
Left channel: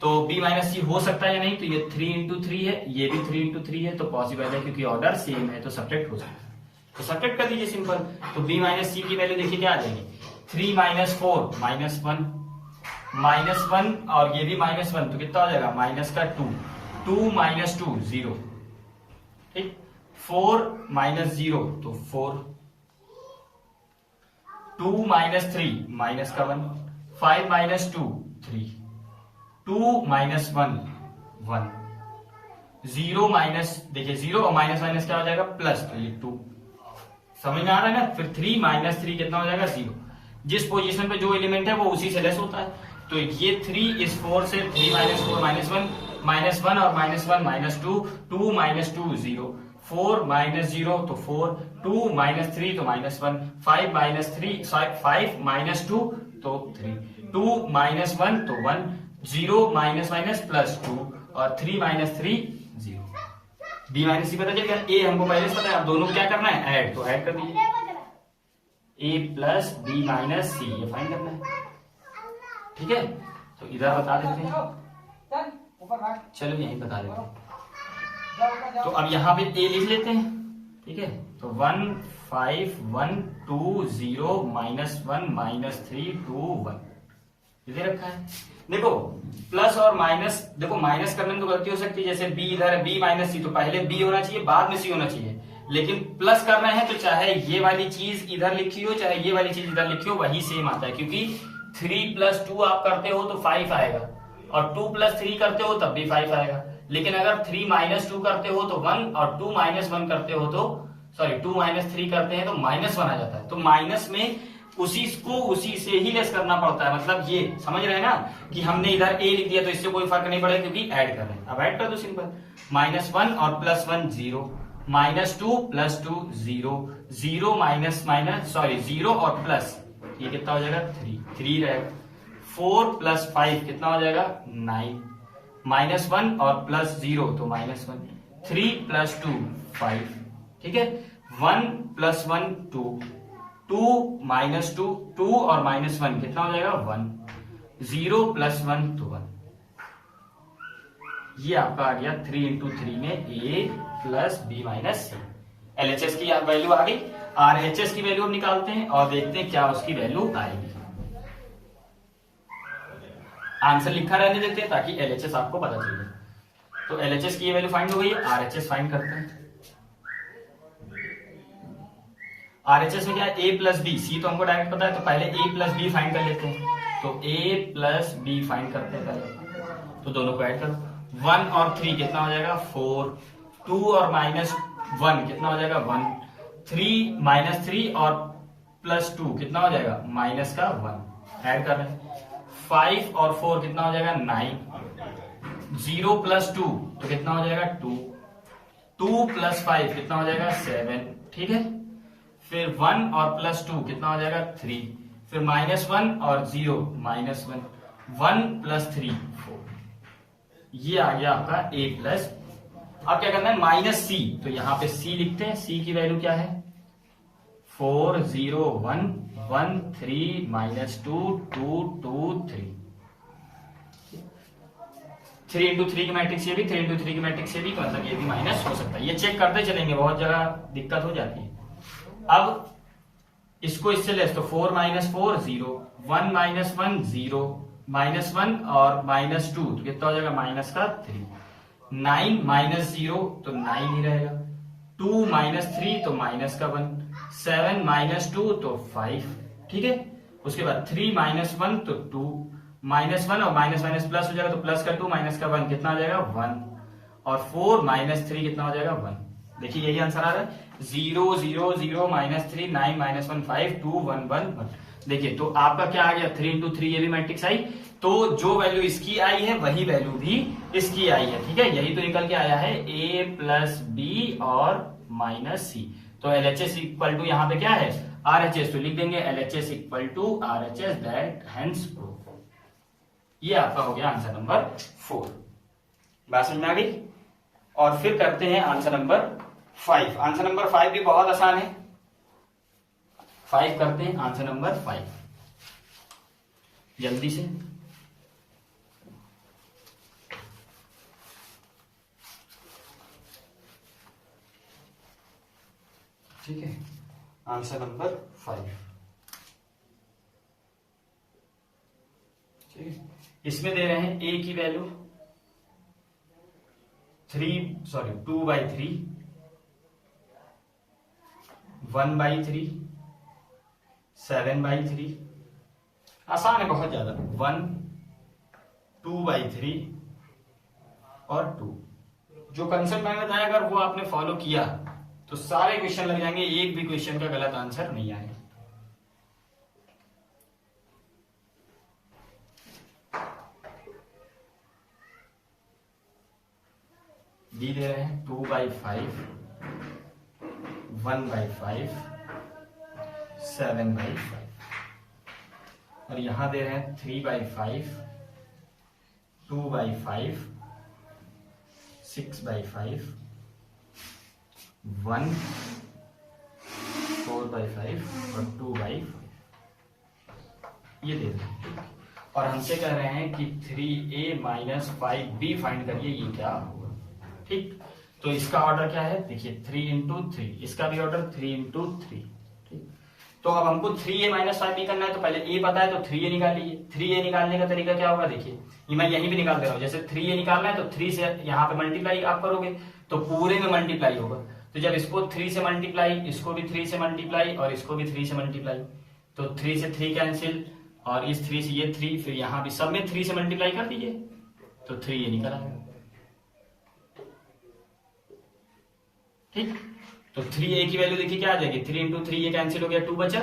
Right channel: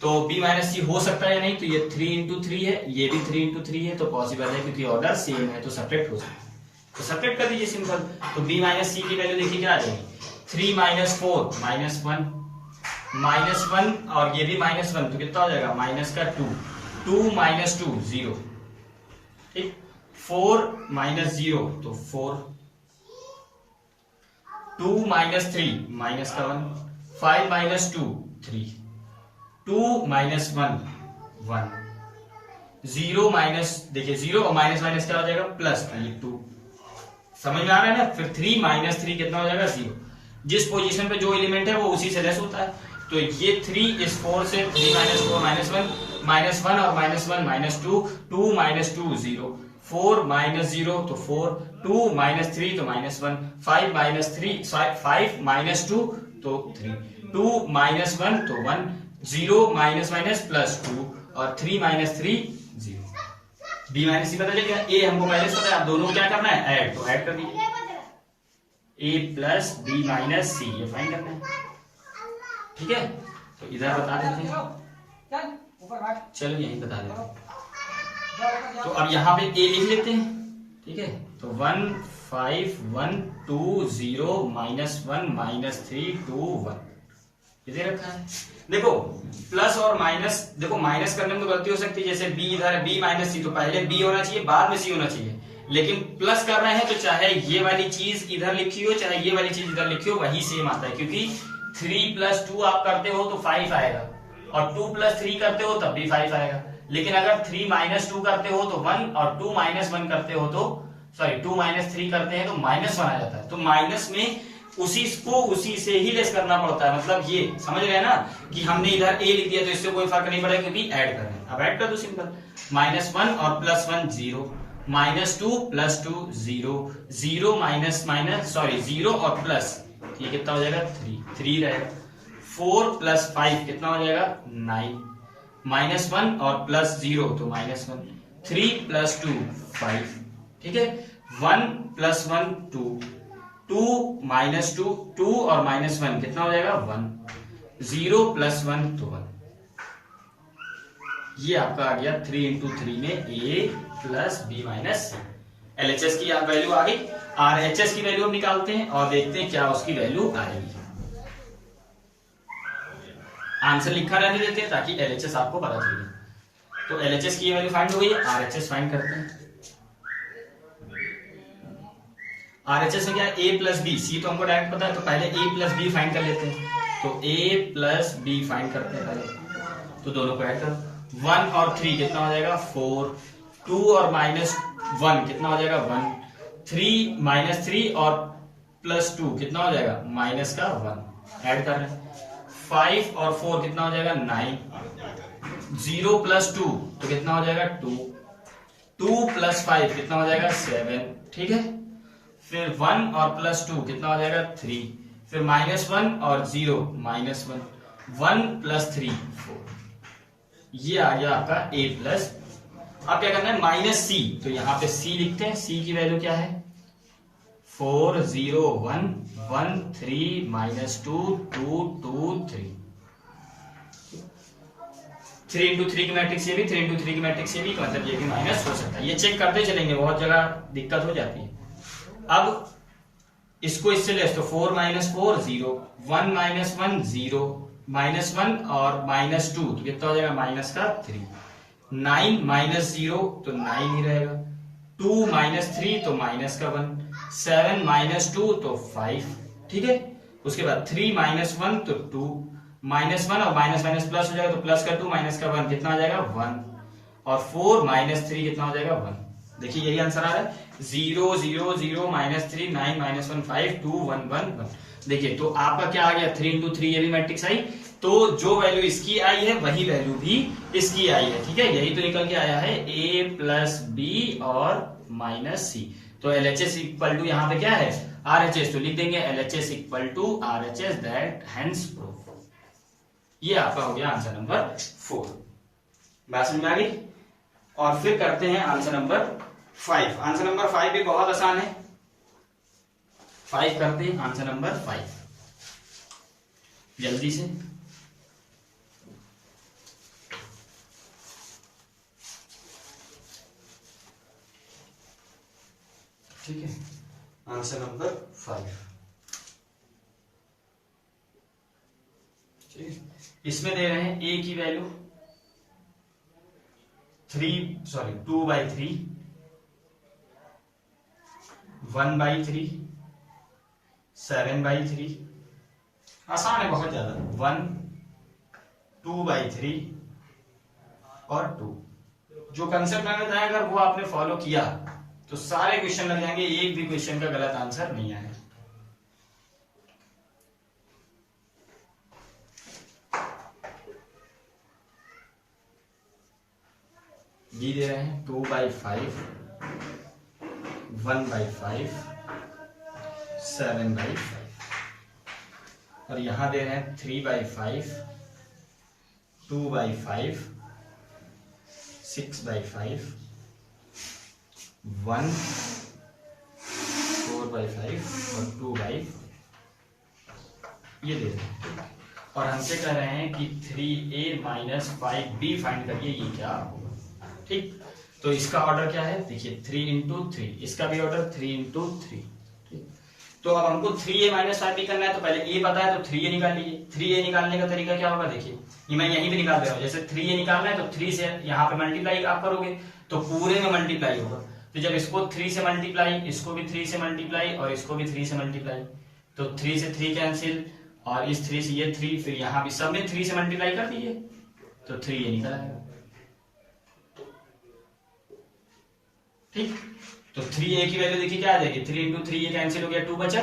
तो b माइनस सी हो सकता है या नहीं, तो ये 3 इंटू 3 है, ये भी 3 इंटू 3 है, तो पॉसिबल है क्योंकि ऑर्डर सेम है, तो सब्ट्रैक्ट हो सकता है, तो सब्ट्रैक्ट कर दीजिए सिंपल। तो b माइनस सी की वैल्यू देखिए क्या आ जाएगी? 3 - 4 -1 और ये भी -1, तो कितना हो जाएगा? माइनस का 2 2 - 2 0। ठीक, 4 - 0 तो 4, 2 - 3 माइनस का 1, 5 - 2 3, 2 - 1 1, 0 माइनस, देखिए 0 और माइनस माइनस क्या हो जाएगा? प्लस, तो ये 2। समझ में आ रहा है ना? फिर 3 - 3 कितना हो जाएगा? 0। जिस पोजीशन पे जो एलिमेंट है वो उसी से लेस होता है, तो ये 3 इस 4 से 3 - 4 -1 -1 और -1 -2 2 - 2 0, 4 - 0 तो 4, 2 - 3 तो -1, 5 - 3 5 - 2 तो 3, 2 - 1 तो 1, 0 - प्लस 2 और 3 - 3 0। b माइनस सी पता चल गया, a हमको पहले से पता है, अब दोनों को क्या करना है? ऐड, तो ऐड कर दीजिए a प्लस बी माइनस सी, ये फाइंड करना है। ठीक है, तो इधर बता देते हैं, चलो यहीं बता देते हैं। तो अब यहाँ पे a लिख लेते हैं। ठीक है, तो 1 5 1 2 0 -1 -3 2 1 ये दे रखा है। देखो प्लस और माइनस, देखो माइनस करने में तो गलती हो सकती है, जैसे b इधर है b माइनस सी, तो पहले b होना चाहिए बाद में c होना चाहिए, लेकिन प्लस कर रहे हैं तो चाहे ये वाली चीज इधर लिखी हो चाहे ये वाली चीज इधर लिखी हो वही सेम आता है, क्योंकि 3 + 2 आप करते हो तो 5 आएगा, और 2 + 3 करते हो तब भी 5 आएगा। लेकिन अगर 3 - 2 करते हो तो 1, और 2 - 1 करते हो तो 2 - 3 करते हैं तो -1 आ जाता है। तो माइनस में उसी से ही लेस करना पड़ता है। मतलब ये समझ रहे हैं ना कि हमने इधर a लिख दिया तो इससे कोई फर्क नहीं पड़ेगा क्योंकि ऐड कर रहे हैं। अब ऐड कर दो सिंपल, -1 और +1 0, -2 + 2 0, 0 0 और प्लस, ये कितना हो जाएगा 3 रहेगा। 4 + 5 कितना हो जाएगा 9, -1 और +0 तो -1, 3 + 2 5, ठीक है। 1 + 1 2, 2 - 2 2 और -1 कितना हो जाएगा 1, 0 + 1 तो 1। ये आपका आ गया 3 × 3 में a + b - c। LHS की वैल्यू आ गई। RHS की वैल्यू निकालते हैं और देखते हैं क्या उसकी वैल्यू आएगी। आंसर लिखा रहने देते हैं ताकि LHS आपको पता चले। तो LHS की ये वैल्यू फाइंड हो गई है, RHS फाइंड करते हैं। RHS में क्या है a + b, c तो हमको डायरेक्ट पता है तो पहले a + b फाइंड कर लेते हैं। तो a + b फाइंड करते हैं पहले, तो दोनों को ऐड करो। 1 और 3 कितना हो जाएगा 4, 2 और -1 कितना हो जाएगा 1, 3 -3 और +2 कितना हो जाएगा -1, ऐड कर रहे हैं। 5 और 4 कितना हो जाएगा 9, 0 + 2 तो कितना हो जाएगा 2, 2 + 5 कितना हो जाएगा 7, ठीक है। फिर 1 और +2 कितना हो जाएगा 3, फिर -1 और 0 -1, 1 + 3 4। ये आ गया आपका a प्लस। अब क्या करना है -c, तो यहां पे c लिखते हैं। c की वैल्यू क्या है 4 0 1 1 3 -2 2 2 3। 3 × 3 की मैट्रिक्स ये भी, 3 × 3 की मैट्रिक्स ये भी, मतलब ये भी माइनस हो सकता है। ये चेक करते चलेंगे, बहुत जगह दिक्कत हो जाती है। अब इसको इससे लेस तो 4 - 4 0, 1 - 1 0, -1 और -2 तो कितना हो जाएगा -3, 9 - 0 तो 9 ही रहेगा, 2 - 3 तो -1, 7 - 2 तो 5, ठीक है। उसके बाद 3 - 1 तो 2, -1 और माइनस प्लस हो जाएगा तो प्लस का 2 माइनस का 1 कितना आ जाएगा 1, और 4 - 3 कितना हो जाएगा 1। देखिए यही आंसर आ रहा है 0 0 0 -3 9 -1 5 2 1 1 1। देखिए तो आपका क्या आ गया 3 × 3 ये भी मैट्रिक्स आई, तो जो वैल्यू इसकी आई है वही वैल्यू भी इसकी आई है, ठीक है। यही तो निकल के आया है a + b और -c। तो LHS = यहां पे क्या है RHS, तो लिख देंगे LHS = RHS, that hence proof. ये आपका हो गया आंसर नंबर 4। बात समझ में आ गई। और फिर करते हैं आंसर नंबर 5। आंसर नंबर 5 भी बहुत आसान है। 5 करते हैं, आंसर नंबर 5 जल्दी से। ठीक है, आंसर नंबर 5। ठीक है, इसमें दे रहे हैं a की वैल्यू 2/3, 1/3, 7/3। आसान है बहुत ज्यादा। 1 2/3 और 2। जो कंसेप्ट मैंने बताया अगर वो आपने फॉलो किया तो सारे क्वेश्चन लग जाएंगे, एक भी क्वेश्चन का गलत आंसर नहीं आएगा। डी दे रहे हैं 2/5, 1/5, 7/5, और यहां दे रहे हैं 3/5, 2/5, 6/5, 1, 4/5 और 2/5 ये दे रहे हैं। और हमसे कह रहे हैं कि 3a - 5b फाइंड करिए, ये क्या होगा। ठीक, तो इसका ऑर्डर क्या है देखिए 3 × 3, इसका भी ऑर्डर 3 × 3। ठीक, तो अब हमको 3a - 5b करना है, तो पहले a पता है तो 3a निकाल लीजिए। 3a निकालने का तरीका क्या होगा देखिए, ये मैं यहीं पे निकाल दे रहा हूँ। जैसे 3a निकालना है तो 3 से यहाँ पे मल्टीप्लाई आप करोगे तो पूरे में मल्टीप्लाई होगा। तो जब इसको 3 से मल्टीप्लाई, इसको भी 3 से मल्टीप्लाई और इसको भी 3 से मल्टीप्लाई, तो 3 से 3 कैंसिल, और इस 3 से ये 3, फिर यहाँ भी सब में 3 से मल्टीप्लाई कर दीजिए तो 3 ये निकल आएगा। ठीक, तो 3a की वैल्यू देखिए क्या आ जाएगी, 3 इंटू 3 ये कैंसिल हो गया, 2 बचा,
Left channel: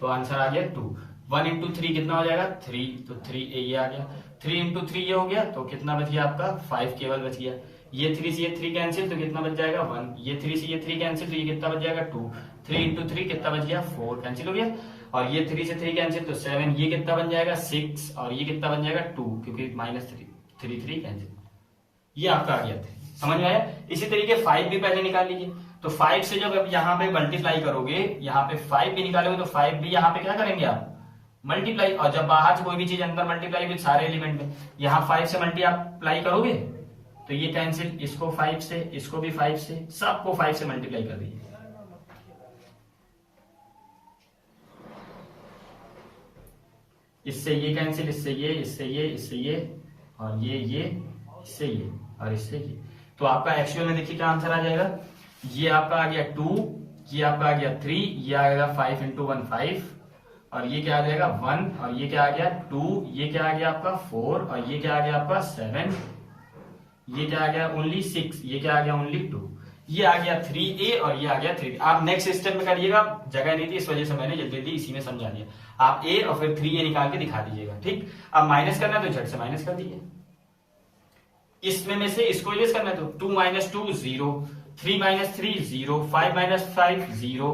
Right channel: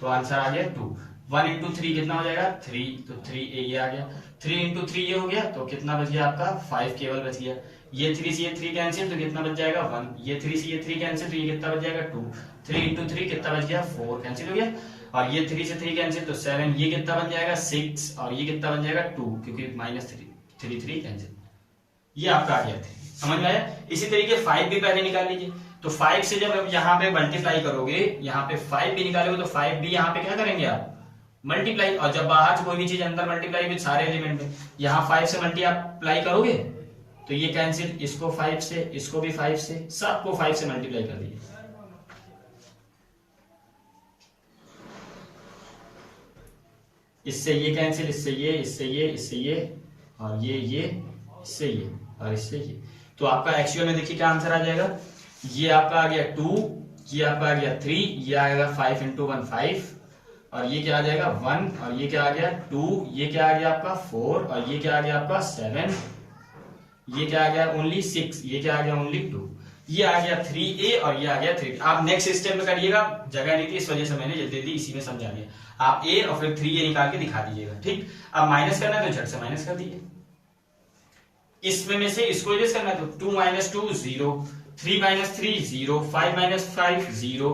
तो आंसर आ गया 2। 1 इंटू 3 कितना हो जाएगा 3, तो 3a ये आ गया। 3 इंटू 3 ये हो गया, तो कितना बच गया आपका 5 केवल बच गया। ये 3 से ये 3 कैंसिल, तो कितना बच जाएगा 1। ये 3 से ये 3 कैंसिल, तो ये कितना बच जाएगा 2। 3 इंटू 3 कितना बच गया 4 कैंसिल हो गया। और ये 3 से 3 कैंसिल, तो 7। ये कितना बन जाएगा 6, और ये कितना बन जाएगा 2, क्योंकि -3 कैंसिल। ये आपका आ गया 3, समझ में आया। इसी तरीके 5 भी पहले निकाल लीजिए। तो 5 से जब आप यहाँ पे मल्टीप्लाई करोगे, यहाँ पे 5 भी निकालोगे, तो 5 भी यहाँ पे क्या करेंगे आप मल्टीप्लाई। और जब बाहर से कोई भी चीज अंदर मल्टीप्लाई भी सारे एलिमेंट में, यहाँ 5 से मल्टीप्लाई करोगे तो ये कैंसिल, इसको 5 से, इसको भी 5 से, सबको 5 से मल्टीप्लाई कर दीजिए। इससे ये कैंसिल, इससे ये, इससे ये, इससे ये, और ये इससे ये, और इससे ये। तो आपका एक्चुअल में देखिए क्या आंसर आ जाएगा। ये आपका आ गया 2, ये आपका आ गया 3, ये आएगा 5 इंटू 1 5, और ये क्या आ जाएगा 1, और ये क्या आ गया 2, ये क्या आ गया आपका 4, और ये क्या आ गया आपका 7, ये क्या आ गया ओनली 6, ये क्या आ गया ओनली 2, ये आ गया 3a, और ये आ गया 3। आप नेक्स्ट स्टेप में करिएगा, जगह नहीं थी इस वजह से मैंने जल्दी जल्दी इसी में समझा दिया। आप a और फिर 3a निकाल के दिखा दीजिएगा। ठीक, अब माइनस करना तो झट से माइनस कर दीजिए। इसमें में से इसको एडजस्ट करना है, तो 2 - 2 0, 3 - 3 0, 5 - 5 0,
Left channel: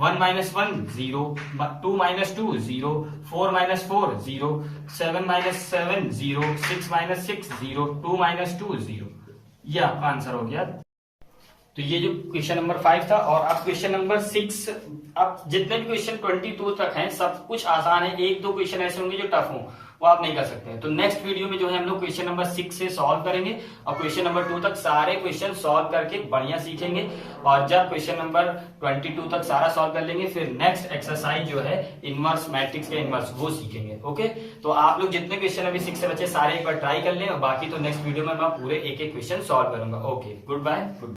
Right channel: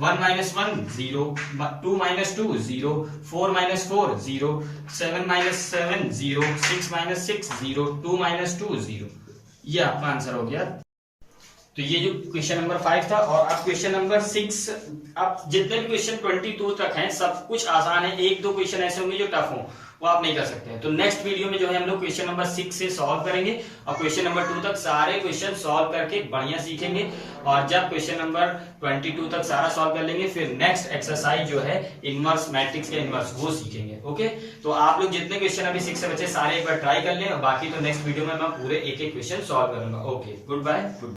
1 - 1 0, 2 - 2 0, 4 - 4 0, 7 - 7 0, 6 - 6 0, 2 - 2 0। ये आपका आंसर हो गया। तो ये जो क्वेश्चन नंबर 5 था। और अब क्वेश्चन नंबर 6, अब जितने भी क्वेश्चन 22 तक हैं सब कुछ आसान है, 1-2 क्वेश्चन ऐसे होंगे जो टफ हो, वो आप नहीं कर सकते हैं। तो नेक्स्ट वीडियो में जो है हम लोग क्वेश्चन नंबर 6 से सॉल्व करेंगे, और क्वेश्चन नंबर 2 तक सारे क्वेश्चन सॉल्व करके बढ़िया सीखेंगे। और जब क्वेश्चन नंबर 22 तक सारा सॉल्व कर लेंगे, फिर नेक्स्ट एक्सरसाइज जो है इनवर्स मैट्रिक्स का इनवर्स, वो सीखेंगे। ओके, तो आप लोग जितने क्वेश्चन अभी 6 से बचे सारे एक बार ट्राई कर लें, और बाकी तो नेक्स्ट वीडियो में मैं पूरे एक-एक क्वेश्चन सॉल्व करूंगा। Okay, good bye.